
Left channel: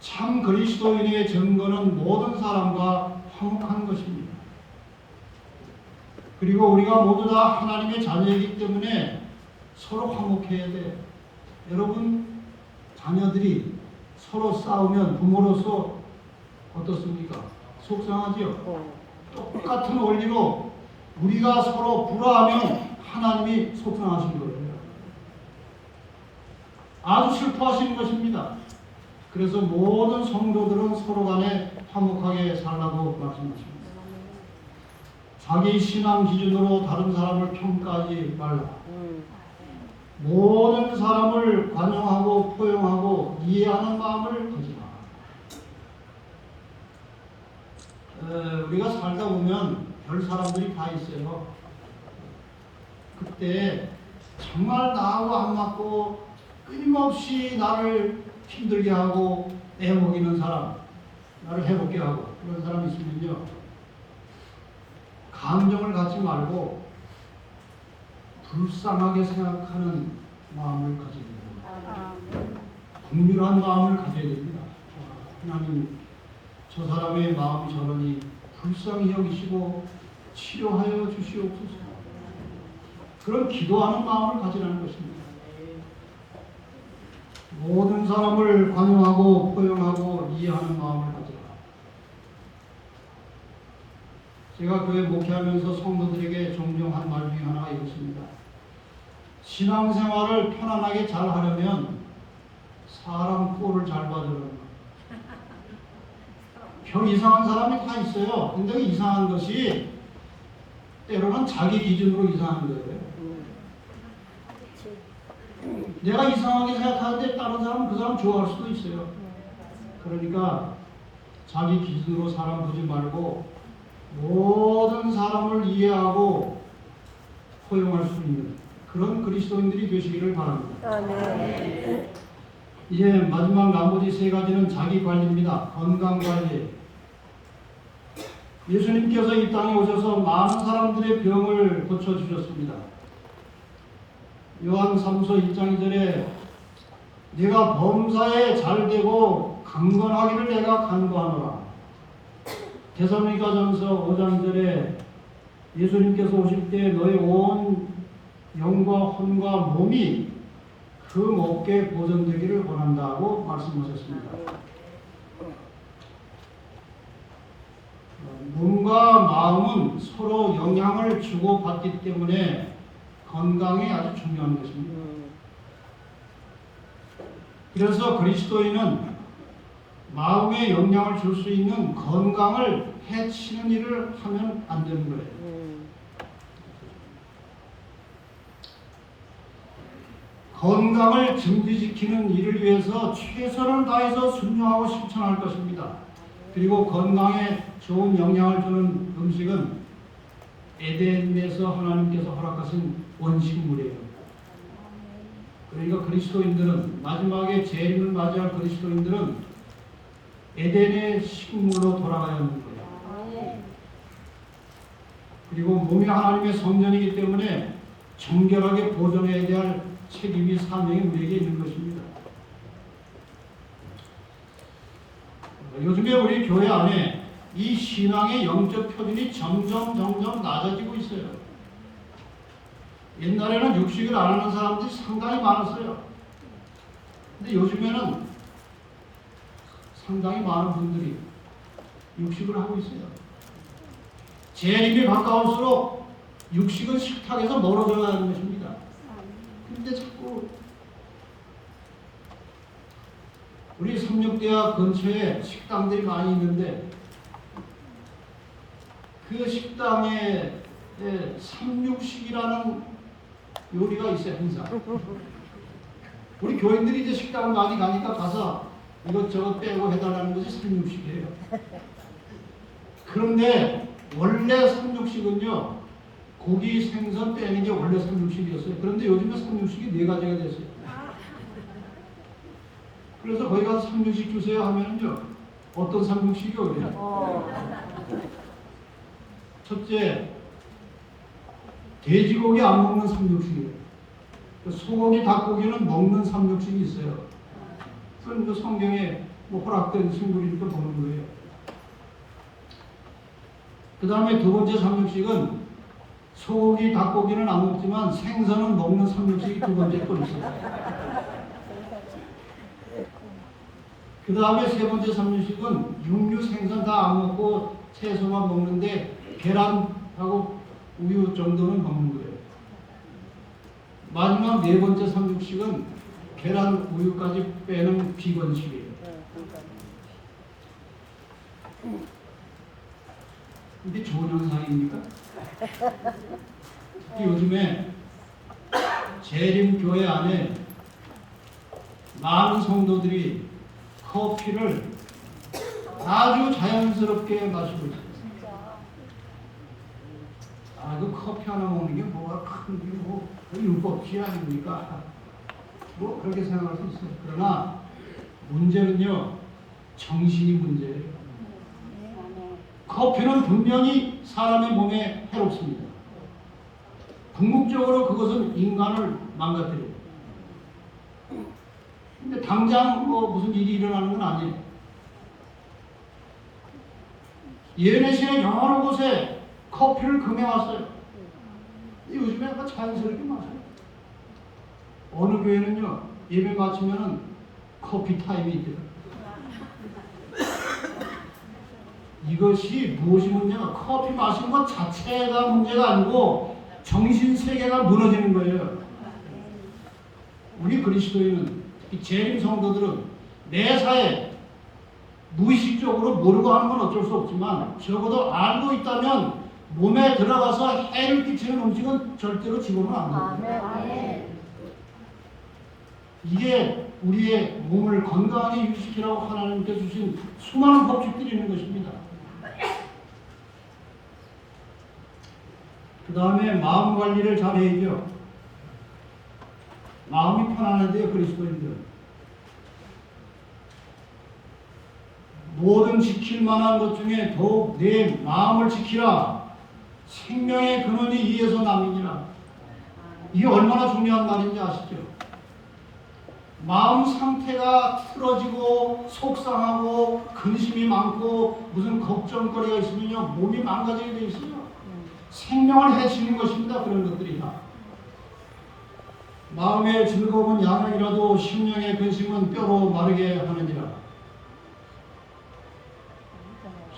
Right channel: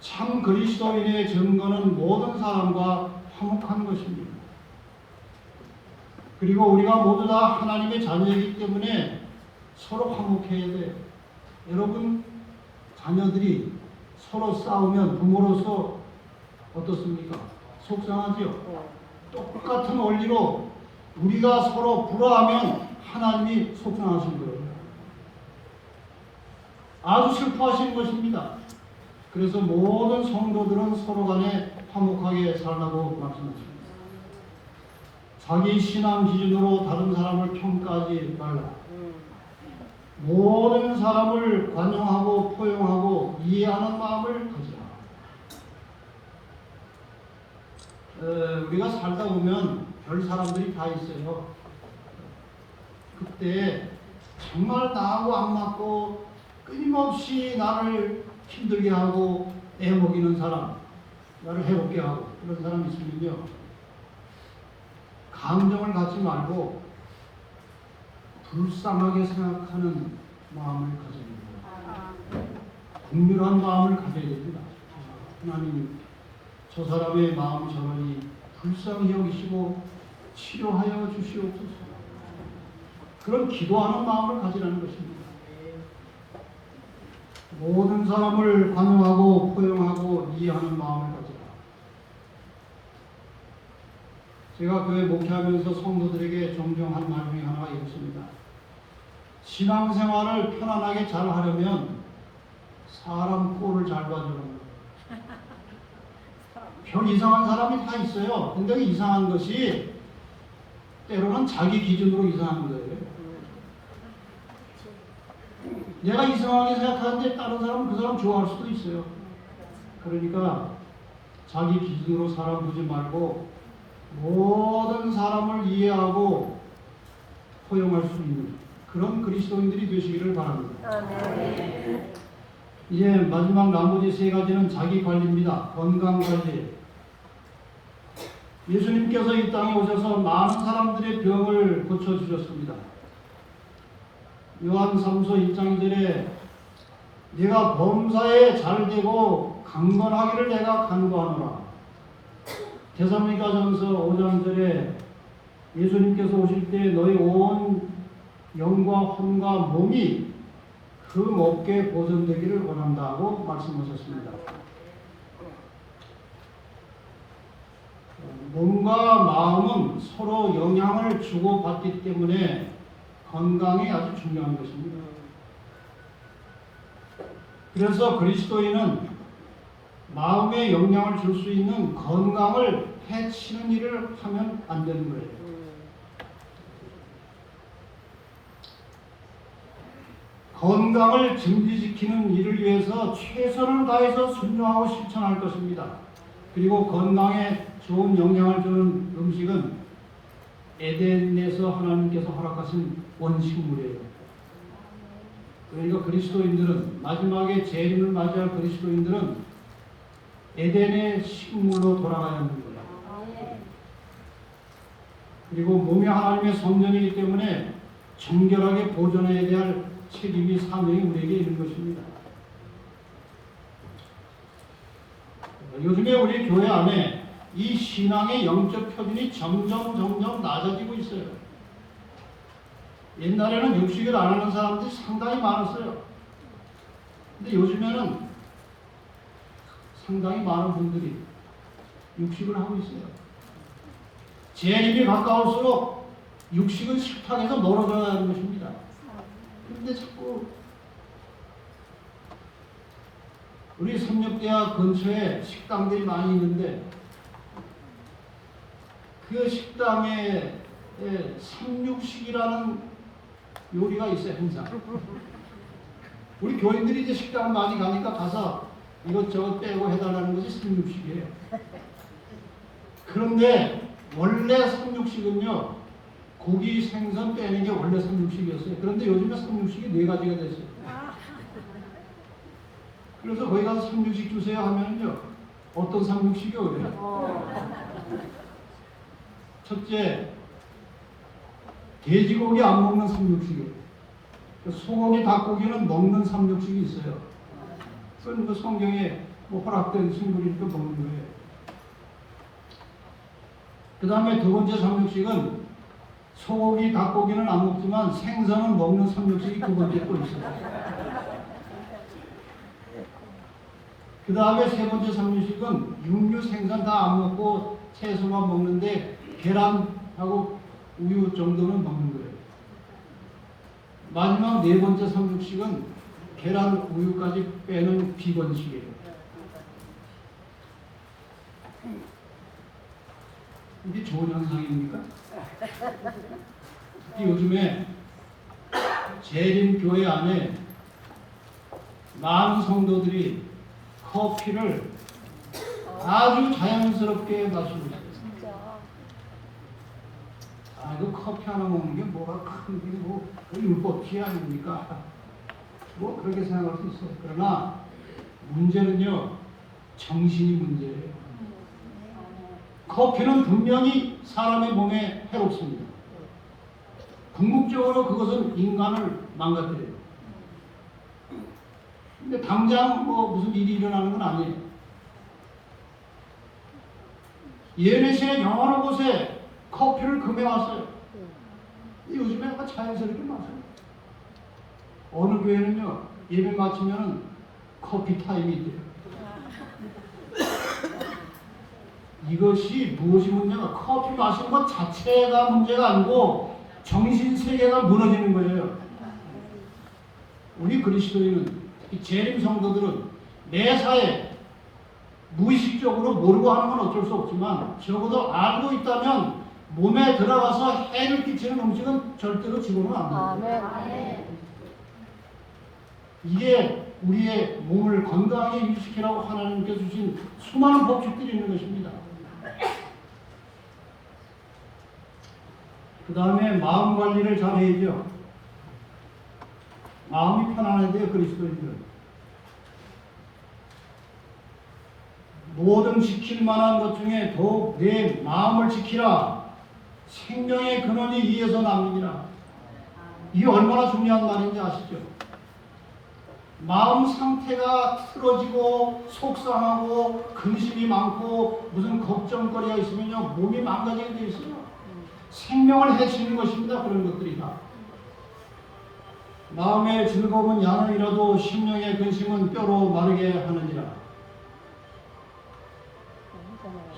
참 그리스도인의 증거는 모든 사람과 화목한 것입니다. 그리고 우리가 모두 다 하나님의 자녀이기 때문에 서로 화목해야 돼요. 여러분 자녀들이 서로 싸우면 부모로서 어떻습니까? 속상하죠? 똑같은 원리로 우리가 서로 불화하면 하나님이 속상하신 거예요. 아주 슬퍼하시는 것입니다. 그래서 모든 성도들은 서로 간에 화목하게 살라고 말씀하십니다. 자기 신앙 기준으로 다른 사람을 평가하지 말라. 모든 사람을 관용하고 포용하고 이해하는 마음을 가지라. 우리가 살다 보면 별 사람들이 다 있어요. 그때 정말 나하고 안 맞고 끊임없이 나를 힘들게 하고 애먹이는 사람, 나를 해롭게 하고 그런 사람이 있으면요, 감정을 갖지 말고 불쌍하게 생각하는 마음을 가져야 됩니다. 긍휼한 마음을 가져야 됩니다. 하나님, 저 사람의 마음이 저러니 불쌍히 여기시고 치료하여 주시옵소서. 그런 기도하는 마음을 가지라는 것입니다. 모든 사람을 관용하고 포용하고 이해하는 마음을 가져라. 제가 교회 목회하면서 성도들에게 종종 한 말 중에 하나가 이렇습니다. 신앙생활을 편안하게 잘 하려면 사람 꼴을 잘 봐주는 거예요. 별 이상한 사람이 다 있어요. 근데 그 이상한 것이 때로는 자기 기준으로 이상한 거예요. 내가 이상하게 생각하는데 다른 사람은 그 사람 좋아할 수도 있어요. 그러니까 자기 기준으로 사람 보지 말고 모든 사람을 이해하고 포용할 수 있는 그런 그리스도인들이 되시기를 바랍니다. 아멘. 이제 마지막 나머지 세 가지는 자기 관리입니다. 건강 관리. 예수님께서 이 땅에 오셔서 많은 사람들의 병을 고쳐주셨습니다. 요한 3서 1장 2절에 내가 범사에 잘되고 강건하기를 내가 간구하노라. 데살로니가전서 5장 2절에 예수님께서 오실 때 너희 온 영과 혼과 몸이 그 먹게 보존되기를 원한다고 말씀하셨습니다. 몸과 마음은 서로 영향을 주고받기 때문에 건강이 아주 중요한 것입니다. 그래서 그리스도인은 마음에 영향을 줄 수 있는 건강을 해치는 일을 하면 안 되는 거예요. 건강을 증진시키는 일을 위해서 최선을 다해서 순종하고 실천할 것입니다. 그리고 건강에 좋은 영향을 주는 음식은 에덴에서 하나님께서 허락하신 원식물이에요. 그러니까 그리스도인들은 마지막에 재림을 맞이할 그리스도인들은 에덴의 식물로 돌아가야 하는 거예요. 그리고 몸이 하나님의 성전이기 때문에 정결하게 보존해야 할 책임이 사명이 우리에게 있는 것입니다. 요즘에 우리 교회 안에 이 신앙의 영적 표준이 점점 낮아지고 있어요. 옛날에는 육식을 안 하는 사람들이 상당히 많았어요. 근데 요즘에는 상당히 많은 분들이 육식을 하고 있어요. 재림이 가까울수록 육식은 식탁에서 멀어져가는 것입니다. 근데 자꾸 우리 성육대학 근처에 식당들이 많이 있는데 그 식당에 삼육식이라는 요리가 있어요. 항상 우리 교인들이 이제 식당을 많이 가니까 가서 이것저것 빼고 해달라는 것이 삼육식이에요. 그런데 원래 삼육식은요 고기, 생선 빼는 게 원래 삼육식이었어요. 그런데 요즘에 삼육식이 4가지가 됐어요. 그래서 거기 가서 삼육식 주세요 하면은요 어떤 삼육식이 오래요? 첫째, 돼지고기 안 먹는 삼육식이에요. 소고기, 닭고기는 먹는 삼육식이 있어요. 그건 성경에 허락된 식물이니까 먹는 거예요. 그 다음에 두 번째 삼육식은 소고기, 닭고기는 안 먹지만 생선은 먹는 삼육식이 두 번째 또 있어요. 그 다음에 세 번째 삼육식은 육류, 생선 다 안 먹고 채소만 먹는데 계란하고 우유 정도는 먹는 거예요. 마지막 네 번째 삼육식은 계란, 우유까지 빼는 비건식이에요. 이게 좋은 현상입니까? 요즘에 재림교회 안에 많은 성도들이 커피를 아주 자연스럽게 마시고 있어요. 그 커피 하나 먹는 게 뭐가 큰 게 뭐 율법주의 아닙니까? 뭐 그렇게 생각할 수 있어요. 그러나 문제는요 정신이 문제예요. 커피는 분명히 사람의 몸에 해롭습니다. 궁극적으로 그것은 인간을 망가뜨려요. 근데 당장 뭐 무슨 일이 일어나는 건 아니에요. 예배실에 여러 곳에 커피를 금해왔어요. 요즘에 아까 자연스럽게 마셔요. 어느 교회는요 예배 마치면 커피 타임이 있대요. 이것이 무엇이 문제가? 커피 마시는 것 자체가 문제가 아니고 정신세계가 무너지는 거예요. 우리 그리스도인은 특히 재림 성도들은 매사에 무의식적으로 모르고 하는 건 어쩔 수 없지만 적어도 알고 있다면 몸에 들어가서 해를 끼치는 음식은 절대로 집으면 안 돼요. 이게 우리의 몸을 건강하게 유지시키라고 하나님께 주신 수많은 법칙들이 있는 것입니다. 그 다음에 마음 관리를 잘 해야죠. 마음이 편안해야 돼요, 그리스도인들은. 모든 지킬 만한 것 중에 더욱 내 마음을 지키라. 생명의 근원이 이에서 남이니라. 이게 얼마나 중요한 말인지 아시죠? 마음 상태가 틀어지고 속상하고 근심이 많고 무슨 걱정거리가 있으면요 몸이 망가지게 돼 있어요. 생명을 해치는 것입니다. 그런 것들이 다. 마음의 즐거움은 양이라도 심령의 근심은 뼈로 마르게 하느니라.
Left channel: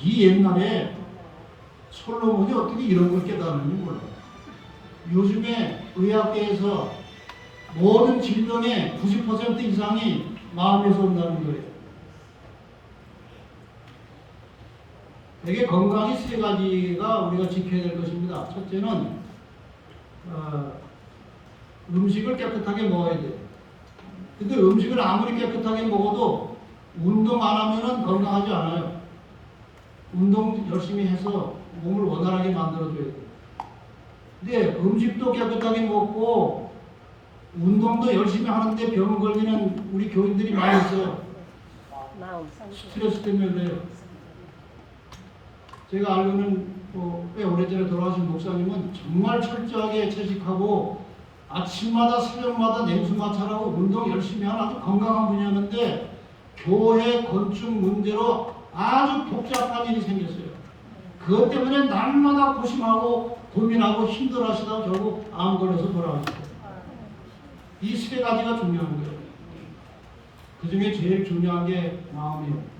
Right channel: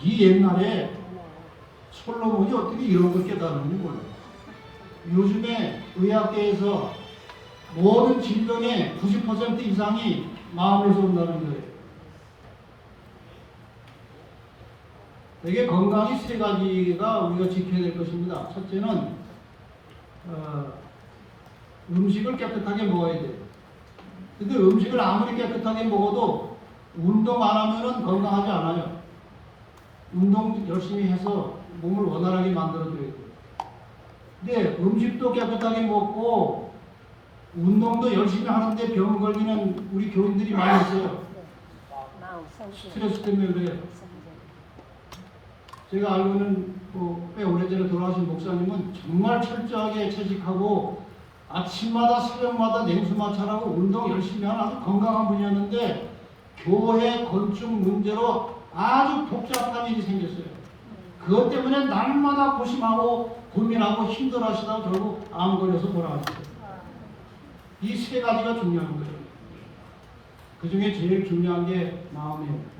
이 옛날에 솔로몬이 어떻게 이런 걸 깨달았는지 몰라요. 요즘에 의학계에서 모든 질병의 90% 이상이 마음에서 온다는 거예요. 이게 건강이 세 가지가 우리가 지켜야 될 것입니다. 첫째는 음식을 깨끗하게 먹어야 돼요. 근데 음식을 아무리 깨끗하게 먹어도 운동 안 하면은 건강하지 않아요. 운동 열심히 해서 몸을 원활하게 만들어줘야 돼요. 근데 음식도 깨끗하게 먹고 운동도 열심히 하는데 병 걸리는 우리 교인들이 많이 있어요. 스트레스 때문에 그래요. 제가 알고는 꽤 오래전에 돌아가신 목사님은 정말 철저하게 채식하고 아침마다 새벽마다 냉수 마찰하고 운동 열심히 하는 아주 건강한 분이었는데 교회 건축 문제로 아주 복잡한 일이 생겼어요. 그것 때문에 날마다 고심하고 고민하고 힘들어하시다가 결국 암 걸려서 돌아가셨어요. 이 세 가지가 중요한 거예요. 그 중에 제일 중요한 게 마음이에요.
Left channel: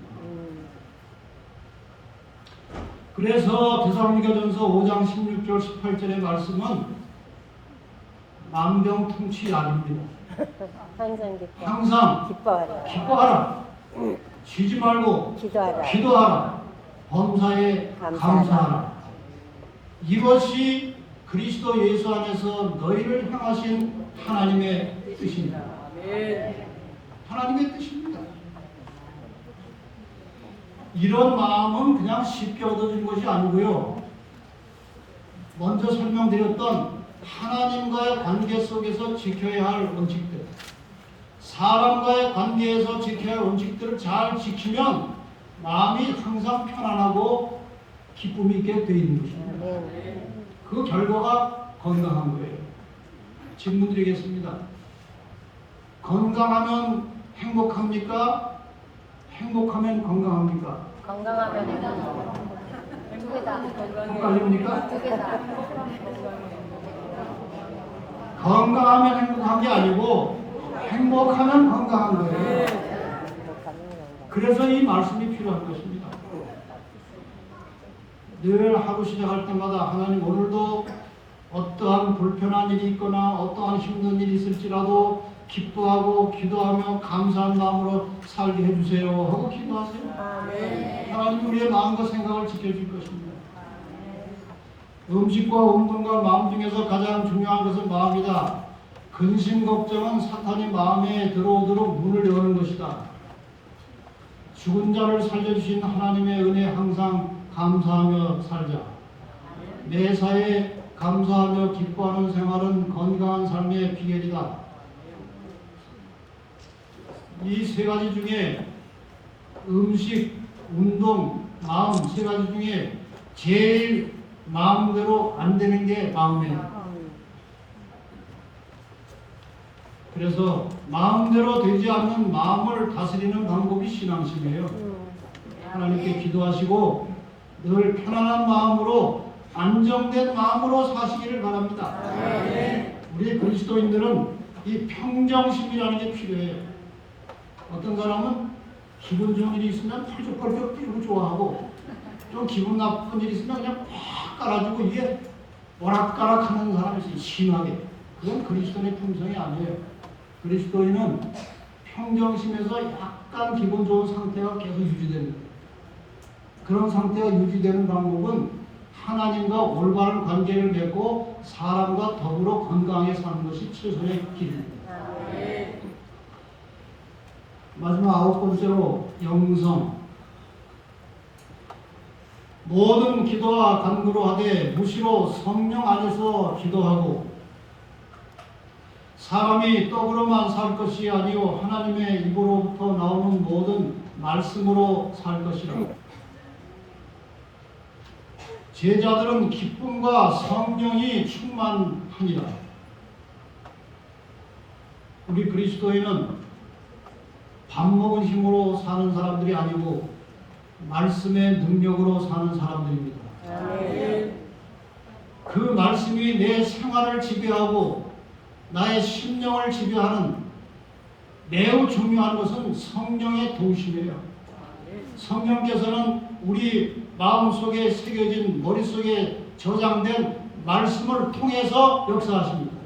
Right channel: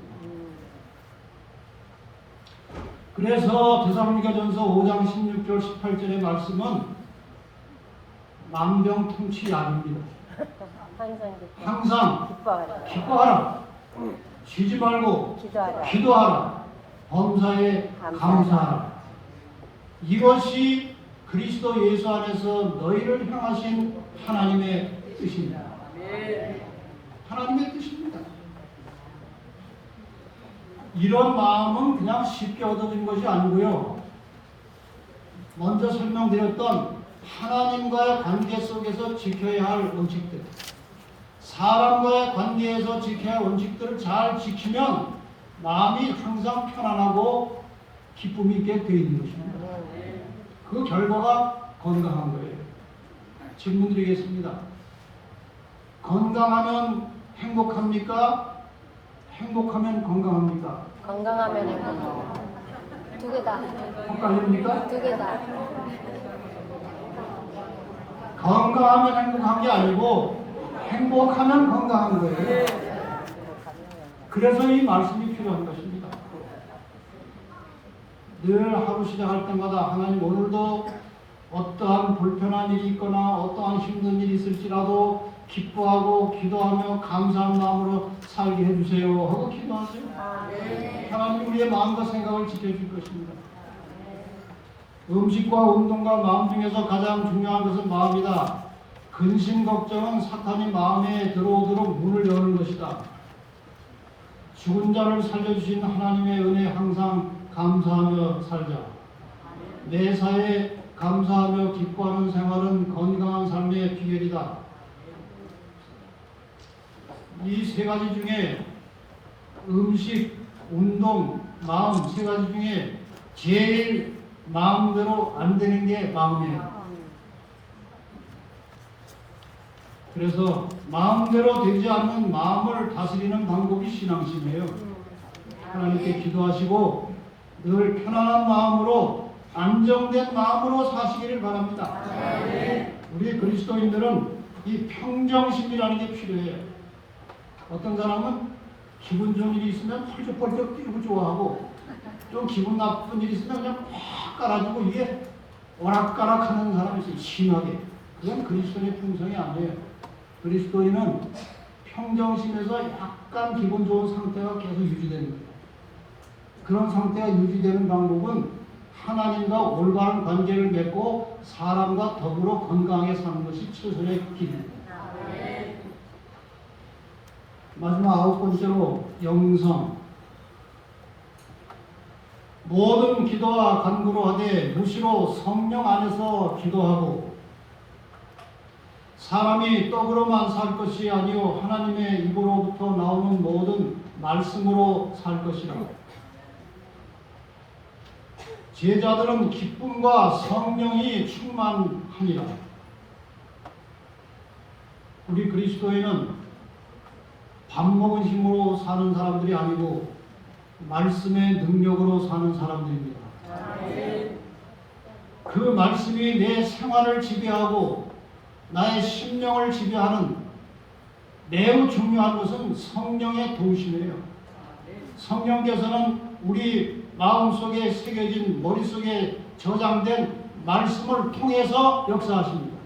그래서 데살로니가전서 5장 16절 18절의 말씀은 만병통치약입니다. 항상 기뻐하라. 쉬지 말고 기도하라. 범사에 감사하라. 이것이 그리스도 예수 안에서 너희를 향하신 하나님의 뜻입니다. 하나님의 뜻입니다. 이런 마음은 그냥 쉽게 얻어진 것이 아니고요. 먼저 설명드렸던 하나님과의 관계 속에서 지켜야 할 원칙들, 사람과의 관계에서 지켜야 할 원칙들을 잘 지키면 마음이 항상 편안하고 기쁨이 있게 되어 있는 것입니다. 그 결과가 건강한 거예요. 질문 드리겠습니다. 건강하면 행복합니까? 행복하면 건강합니까? 건강하면 두 개 다. 헷갈립니까? 두 개 다. 건강하면 행복한 게 아니고 행복하면 건강한 거예요. 그래서 이 말씀이 필요한 것입니다. 늘 하루 시작할 때마다 하나님 오늘도 어떠한 불편한 일이 있거나 어떠한 힘든 일이 있을지라도 기뻐하고 기도하며 감사한 마음으로 살게 해주세요 하고 기도하세요. 하나님 우리의 마음과 생각을 지켜줄 것입니다. 음식과 운동과 마음 중에서 가장 중요한 것은 마음이다. 근심 걱정은 사탄이 마음에 들어오도록 문을 여는 것이다. 죽은 자를 살려주신 하나님의 은혜 항상 감사하며 살자. 매사에 감사하며 기뻐하는 생활은 건강한 삶의 비결이다. 이 세 가지 중에 음식, 운동, 마음 세 가지 중에 제일 마음대로 안 되는 게 마음이에요. 그래서 마음대로 되지 않는 마음을 다스리는 방법이 신앙심이에요. 하나님께 기도하시고 늘 편안한 마음으로 안정된 마음으로 사시기를 바랍니다. 우리 그리스도인들은 이 평정심이라는 게 필요해요. 어떤 사람은 기분 좋은 일이 있으면 펄쩍펄쩍 뛰고 좋아하고 좀 기분 나쁜 일이 있으면 그냥 팍 깔아주고 이게 오락가락하는 사람이 있어요. 심하게. 그건 그리스도인의 품성이 아니에요. 그리스도인은 평정심에서 약간 기분 좋은 상태가 계속 유지되는 거예요. 그런 상태가 유지되는 방법은 하나님과 올바른 관계를 맺고 사람과 더불어 건강하게 사는 것이 최선의 길입니다. 마지막 9번째로 영성. 모든 기도와 간구로 하되 무시로 성령 안에서 기도하고 사람이 떡으로만 살 것이 아니요 하나님의 입으로부터 나오는 모든 말씀으로 살 것이라. 제자들은 기쁨과 성령이 충만하니라. 우리 그리스도인은 밥 먹은 힘으로 사는 사람들이 아니고 말씀의 능력으로 사는 사람들입니다. 그 말씀이 내 생활을 지배하고 나의 심령을 지배하는 매우 중요한 것은 성령의 동심이에요. 성령께서는 우리 마음속에 새겨진 머릿속에 저장된 말씀을 통해서 역사하십니다.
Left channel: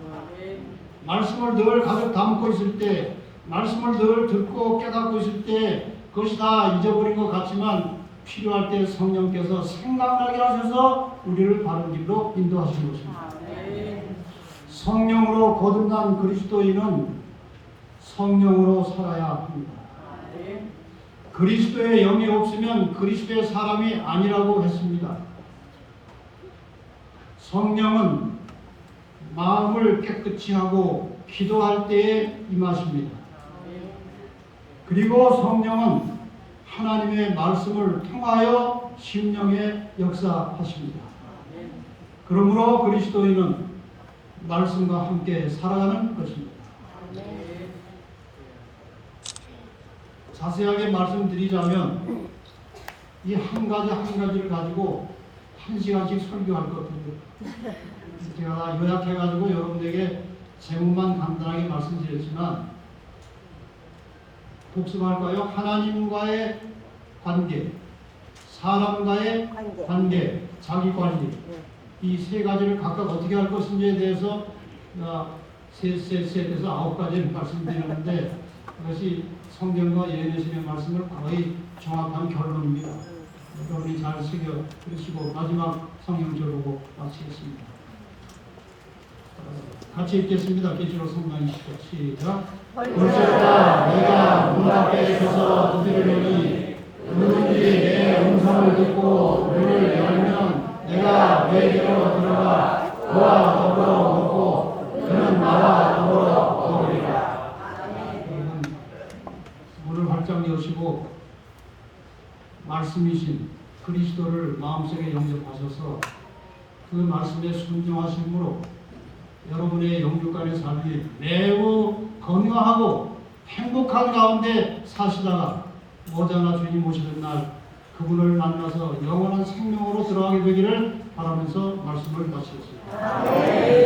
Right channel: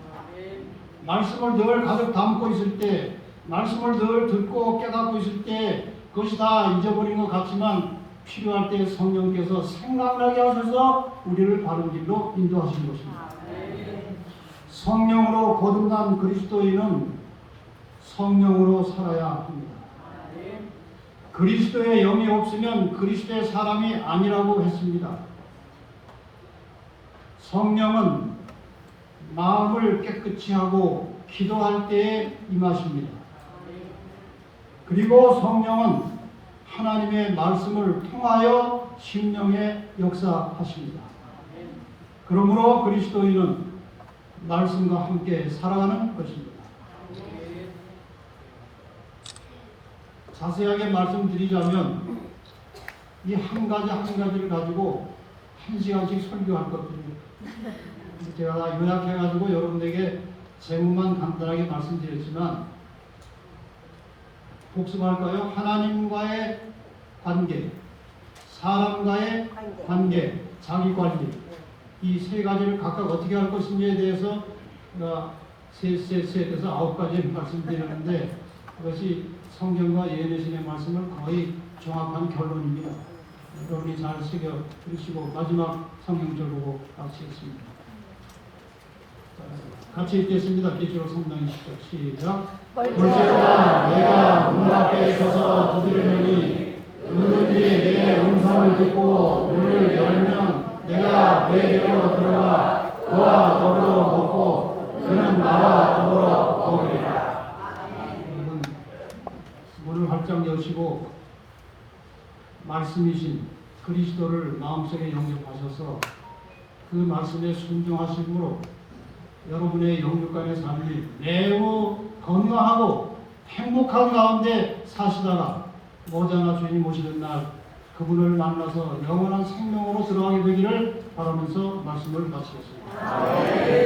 말씀을 늘 가득 담고 있을 때, 말씀을 늘 듣고 깨닫고 있을 때 그것이 다 잊어버린 것 같지만 필요할 때 성령께서 생각나게 하셔서 우리를 바른 길로 인도하시는 것입니다. 성령으로 거듭난 그리스도인은 성령으로 살아야 합니다. 그리스도의 영이 없으면 그리스도의 사람이 아니라고 했습니다. 성령은 마음을 깨끗이 하고 기도할 때에 임하십니다. 그리고 성령은 하나님의 말씀을 통하여 심령에 역사하십니다. 그러므로 그리스도인은 말씀과 함께 살아가는 것입니다. 자세하게 말씀드리자면 이 한 가지 한 가지를 가지고 1시간씩 설교할 것 같아요. 제가 요약해가지고 여러분에게 제목만 간단하게 말씀드렸지만 복습할까요? 하나님과의 관계, 사람과의 관계, 자기관리, 이 세 가지를 각각 어떻게 할 것인지에 대해서 셋에서 9가지를 말씀드렸는데 그것이 성경과 예언의 말씀을 거의 정확한 결론입니다. 여러분이 잘 새겨 들으시고 마지막 성경적으로 마치겠습니다. 같이 읽겠습니다. 계시록 3장 20절 시작. 볼지어다 내가 문 앞에 서서 두드리노니 누구든지 내 음성을 듣고 문을 열면 내가 그에게로 들어가 그와 더불어 먹고 그는 나와 더불어 먹으리라. 문을 활짝 여시고 말씀이신 그리스도를 마음속에 영접하셔서 그 말씀에 순종하심으로 여러분의 영육간의 삶이 매우 건강하고 행복한 가운데 사시다가 머지않아 주님 오시는 날 그분을 만나서 영원한 생명으로 들어가게 되기를 바라면서 말씀을 마치겠습니다.